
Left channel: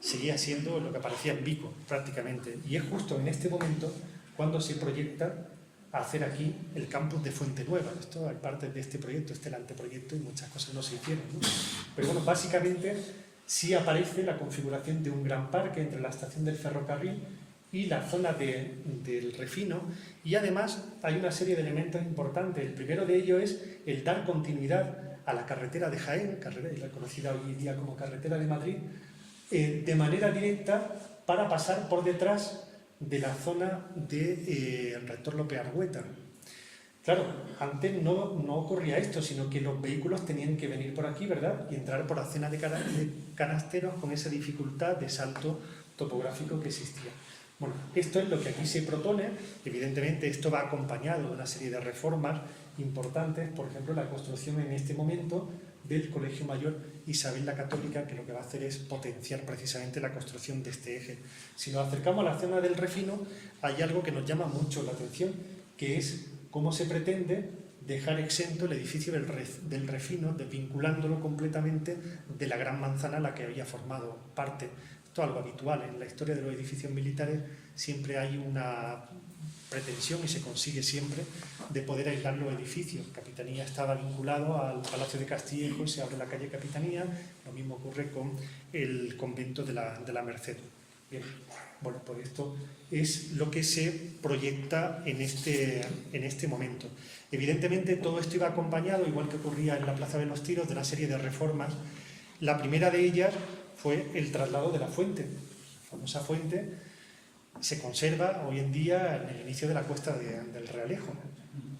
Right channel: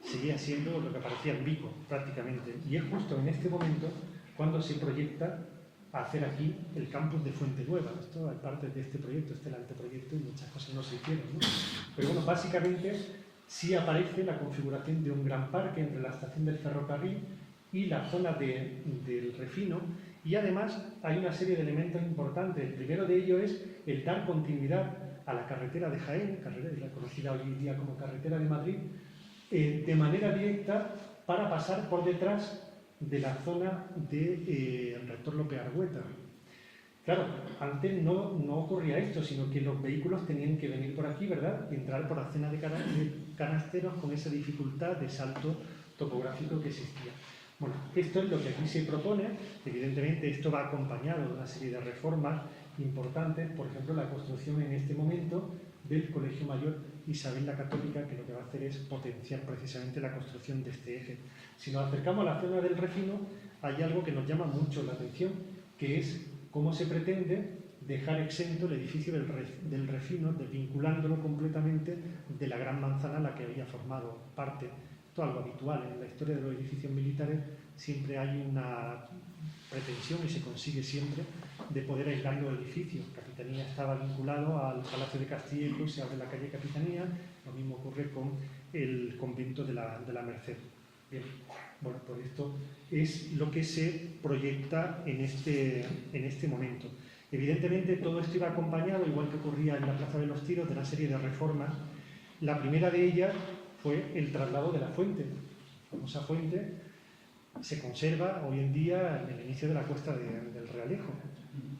seguía siendo lo que parecía en Vico, prácticamente. Y es justo en este momento cuando se proyecta hacer aquí el campus de Fuente Nueva. Esto es parte de este proyecto, este es el anteproyecto, y muchas cosas no se hicieron, ¿no? Pero bueno, básicamente sí aparece la configuración de un gran parque entre la estación del ferrocarril y la zona del Refino, y además hay una serie de elementos importantes. El primero de ellos es el dar continuidad a la carretera de Jaén, reconocida hoy en día como carretera de Madrid, de manera directa para pasar por detrás de la zona del rector López Argueta. Claro, antes no ocurría esto, sino que los vehículos tenían que venir por aquí, ¿verdad?, y entrar por la zona de canasteros con esa dificultad de salto topográfico que existía. Bueno, esto es lo que aquí se propone. Evidentemente esto va acompañado de una serie de reformas importantes, por ejemplo la construcción en este momento del Colegio Mayor Isabel la Católica, que lo que va a hacer es potenciar precisamente la construcción de este eje. Si nos acercamos a la zona del Refino, hay algo que nos llama mucho la atención, que es cómo se pretende dejar exento el edificio del Refino, desvinculándolo completamente de la gran manzana a la que había formado parte. Esto es algo habitual en la historia de los edificios militares, siempre hay una pretensión, y se consigue siempre, de poder aislar los edificios. Capitanía estaba vinculado al Palacio de Castillejo, se abre la calle Capitanía, lo mismo ocurre con el convento de la Merced. Bien. Bueno, pues esto es lo que se proyecta en este momento. Evidentemente todo esto iba acompañado, igual que ocurría en la Plaza de los Tiros, de una serie de reformas. La primera de ellas fue el traslado de la fuente. La famosa fuente se conserva hoy en día en el inicio de la cuesta del Realejo.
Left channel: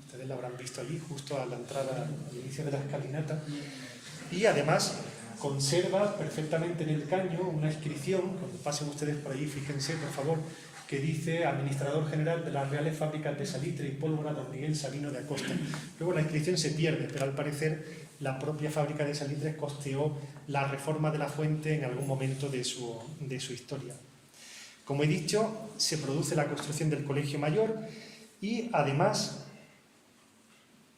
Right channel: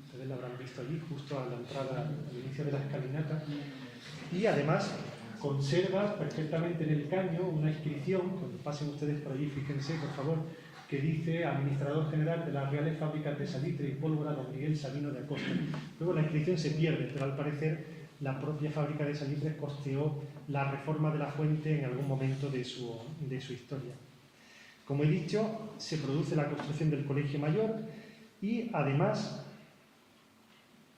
Ustedes la habrán visto allí, justo a la entrada, al inicio de la escalinata. Y además conserva perfectamente en el caño una inscripción, cuando pasen ustedes por allí, fíjense por favor, que dice Administrador General de las Reales Fábricas de Salitre y Pólvora don Miguel Sabino de Acosta. Luego la inscripción se pierde, pero al parecer la propia fábrica de salitre costeó la reforma de la fuente en algún momento de su historia. Como he dicho, se produce la construcción del Colegio Mayor y además,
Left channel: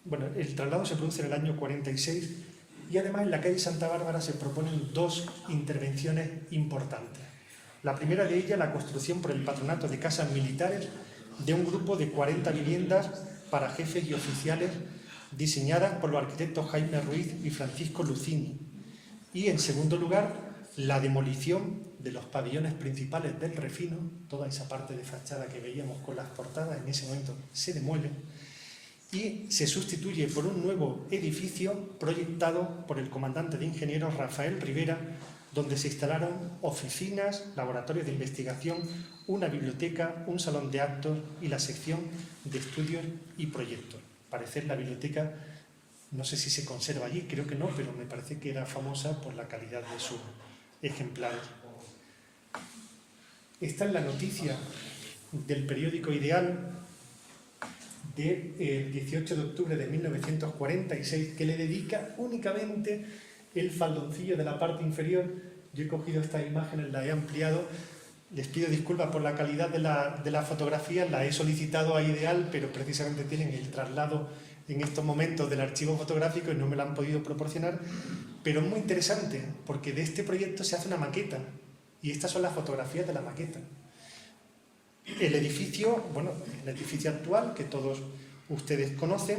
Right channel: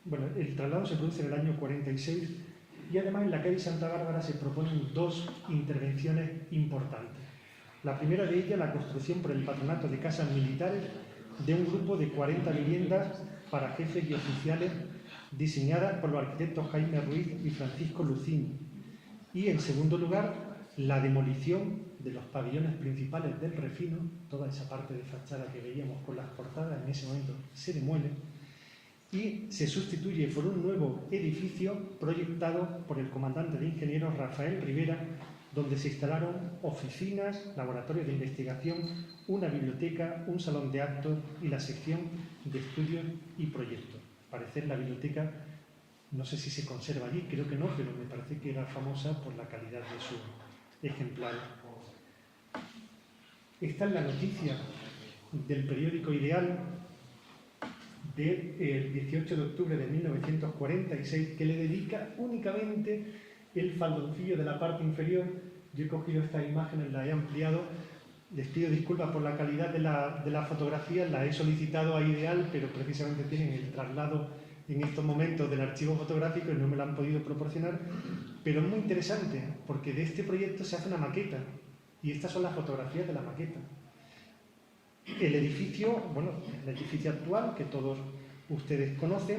bueno, el traslado se produce en el año 46 y además en la calle Santa Bárbara se proponen dos intervenciones importantes. La primera de ellas, la construcción por el Patronato de Casas Militares de un grupo de 40 viviendas para jefes y oficiales diseñadas por los arquitectos Jaime Ruiz y Francisco Lucini. Y en segundo lugar, la demolición de los pabellones principales del Refino, toda esa parte de fachada que veíamos con las portadas, en ese momento se demuele y se sustituye por un nuevo edificio proyectado por el comandante de ingenieros Rafael Rivera, donde se instalaron oficinas, laboratorios de investigación, una biblioteca, un salón de actos y la sección de estudios y proyectos. Al parecer la biblioteca, no sé si se conserva allí, creo que no, pero me parece que era famosa por la calidad de sus ejemplares. Esta es la noticia del periódico Ideal del 18 de octubre de 1946, que le dedica únicamente el faldoncillo de la parte inferior. Yo he cogido estas imágenes, las he ampliado. Les pido disculpas por la calidad de la fotografía, la he solicitado a Ideal, pero precisamente tienen el traslado en estos momentos del archivo fotográfico y no me la han podido proporcionar. Pero es muy interesante porque de este proyecto se hace una maqueta y estas son las fotografías de la maqueta. El edificio, bueno, el edificio actual que todos ustedes conocen,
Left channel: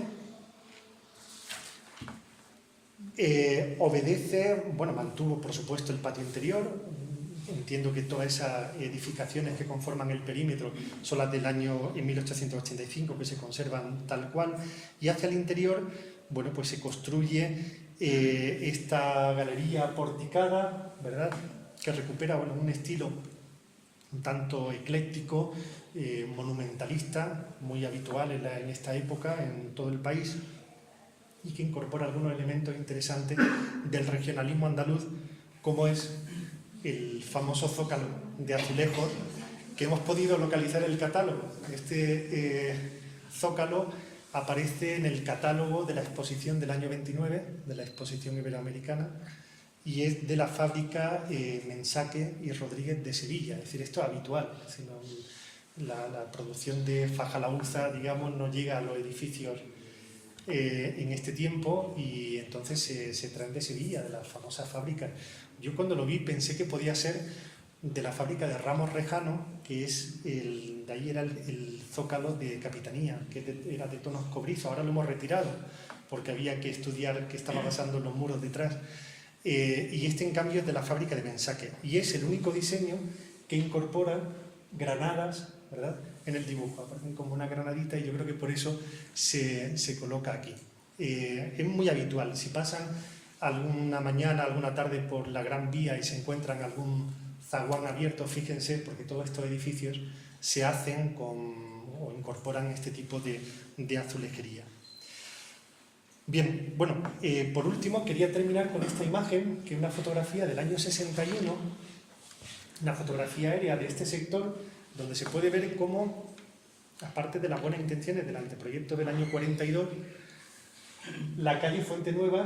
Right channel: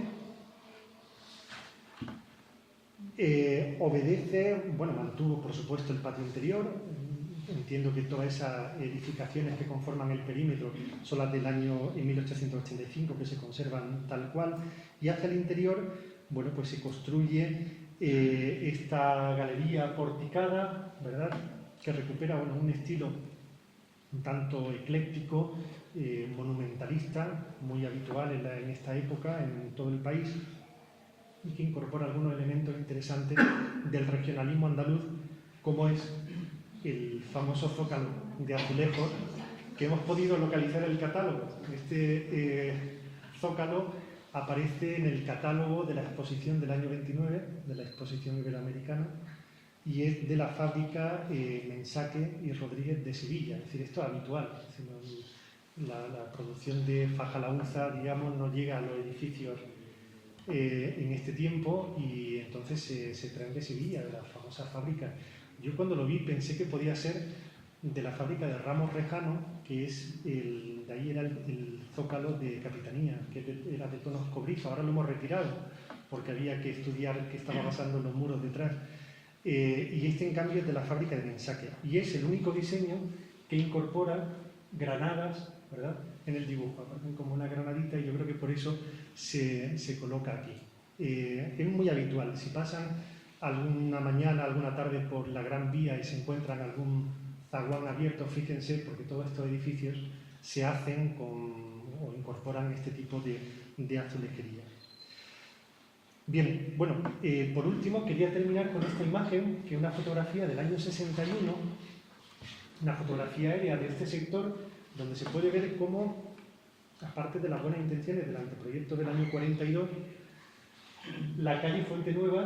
obedece, bueno, mantuvo por supuesto el patio interior. Entiendo que todas esas edificaciones que conforman el perímetro son las del año en 1885 que se conservan tal cual, y hacia el interior, bueno, pues se construye esta galería porticada, ¿verdad?, que recupera, bueno, un estilo un tanto ecléctico, monumentalista, muy habitual en esta época en todo el país, y que incorpora algunos elementos interesantes del regionalismo andaluz, como es el famoso zócalo de azulejos que hemos podido localizar en el catálogo. Este zócalo aparece en el catálogo de la exposición del año 29, de la exposición iberoamericana, y es de la fábrica Mensaque y Rodríguez de Sevilla. Es decir, esto es habitual, sino la producción de faja laúza, digamos, no llega a los edificios en este tiempo, y entonces se traen de Sevilla, de la famosa fábrica. Yo cuando lo vi pensé que podía ser de la fábrica de Ramos Rejano, que es de ahí era el zócalo de Capitanía, que era de tonos cobrizos. Ahora lo hemos retirado porque había que estudiar qué estaba pasando en los muros detrás. Y este en cambio es de la fábrica de Mensaque, y es el único diseño que incorpora granadas, ¿verdad?, en el dibujo, como una granadita, y yo creo que por eso se coloca aquí. Es muy habitual. Si pasan alguna mañana, alguna tarde por la Gran Vía y se encuentran algún zaguán abierto, fíjense, porque todos estos edificios se hacen o incorporan este tipo de azulejería. Bien, bueno, por último quería terminar con esta imagen, que es una fotografía del año 61, una fotografía aérea de este sector, donde se puede ver cómo, aparte de las buenas intenciones del anteproyecto del año 42, la calle Fuente Nueva,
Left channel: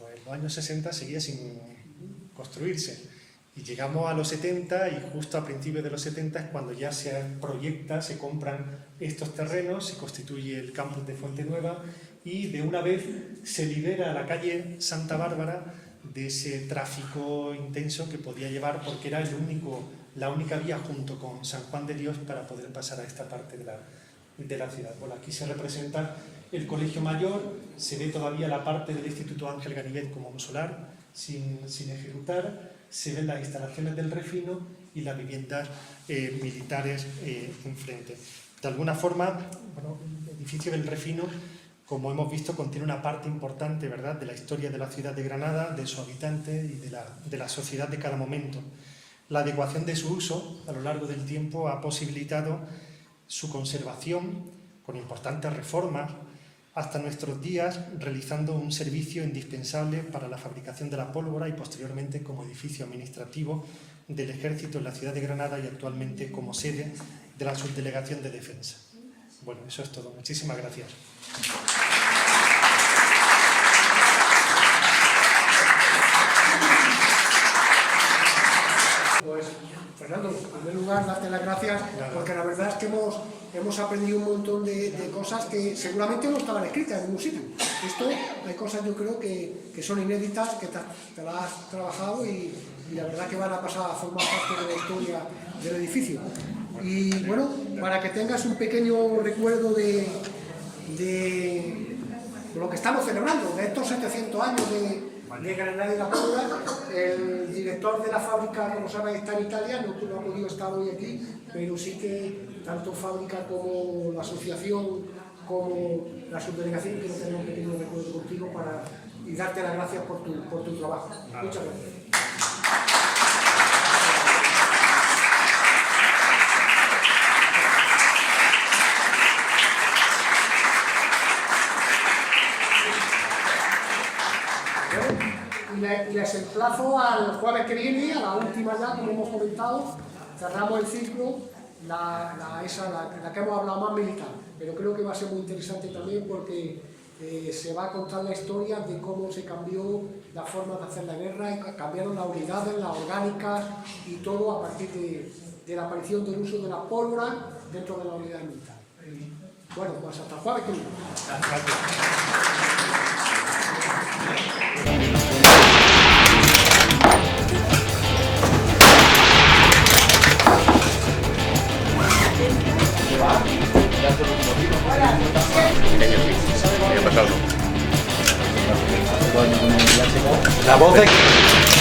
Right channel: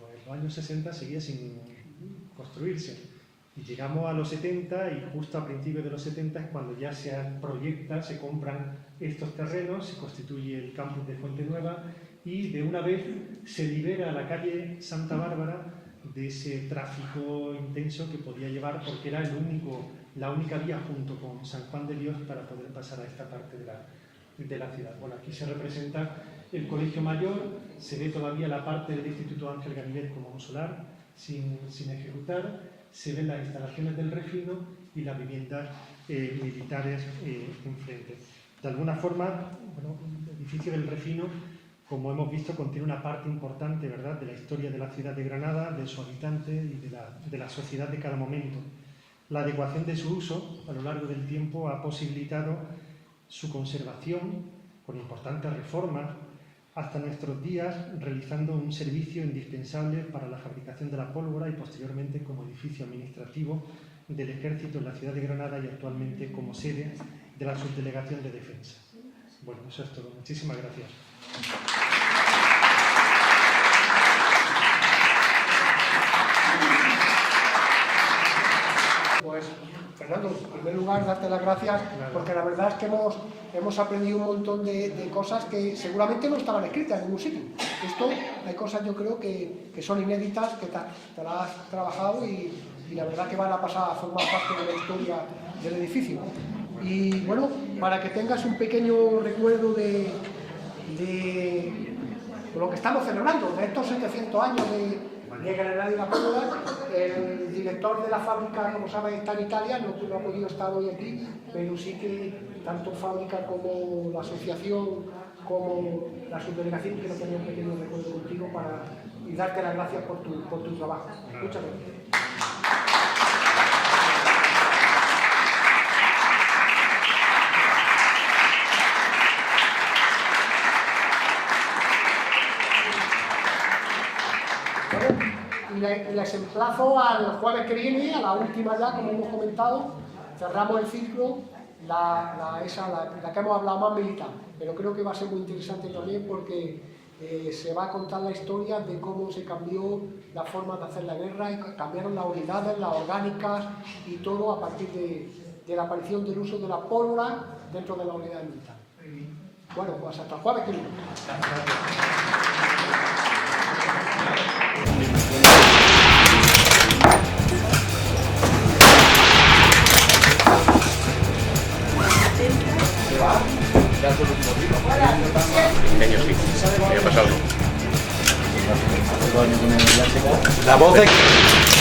pues en los años 60 seguía sin construirse. Y llegamos a los 70, y justo a principios de los 70 es cuando ya se proyecta, se compran estos terrenos, se constituye el campus de Fuente Nueva, y de una vez se libera a la calle Santa Bárbara de ese tráfico intenso que podía llevar, porque era la única vía junto con San Juan de Dios para poder pasar a esta parte de la ciudad. Bueno, aquí se representa el Colegio Mayor, se ve todavía la parte del Instituto Ángel Ganivet como un solar sin ejecutar, se ven las instalaciones del refino y las viviendas militares enfrente. De alguna forma, bueno, el edificio del refino, como hemos visto, contiene una parte importante, ¿verdad?, de la historia de la ciudad de Granada, de sus habitantes y de la sociedad de cada momento. La adecuación de su uso a lo largo del tiempo ha posibilitado su conservación con importantes reformas hasta nuestros días, realizando un servicio indispensable para la fabricación de la pólvora y posteriormente como edificio administrativo del Ejército en la ciudad de Granada, y actualmente como sede de la Subdelegación de Defensa. Bueno, eso es todo. Muchísimas gracias. Pues, Fernando, en primer lugar, darte las gracias, porque la verdad es que hemos aprendido un montón de cosas que seguramente no estaban escritas en ningún sitio. Esto, hay cosas yo creo que son inéditas, que te las has trabajado, y la verdad que van a pasar a formar parte de la historia del edificio. Y bueno, para que tengas un pequeño recuerdo de lo que estamos celebrando, de estos 700 años de Granada y la pólvora, el director de la fábrica, como saben, está en Italia, no ha podido estar hoy aquí, pero sí que tanto fábrica como la asociación, como la subdelegación, quiero tener un pequeño recuerdo contigo y darte las gracias por tu trabajo. Muchas gracias. Y les emplazo al jueves que viene, a la última ya, como hemos comentado, cerramos el ciclo, la que hemos hablado más militar, pero creo que va a ser muy interesante también porque se va a contar la historia de cómo se cambió la forma de hacer la guerra, y cambiaron las unidades, las orgánicas y todo a partir de la aparición del uso de la pólvora dentro de la unidad militar. Bueno, pues hasta el jueves que viene. Pequeño, sí. Voy a pasarlo. La voz de...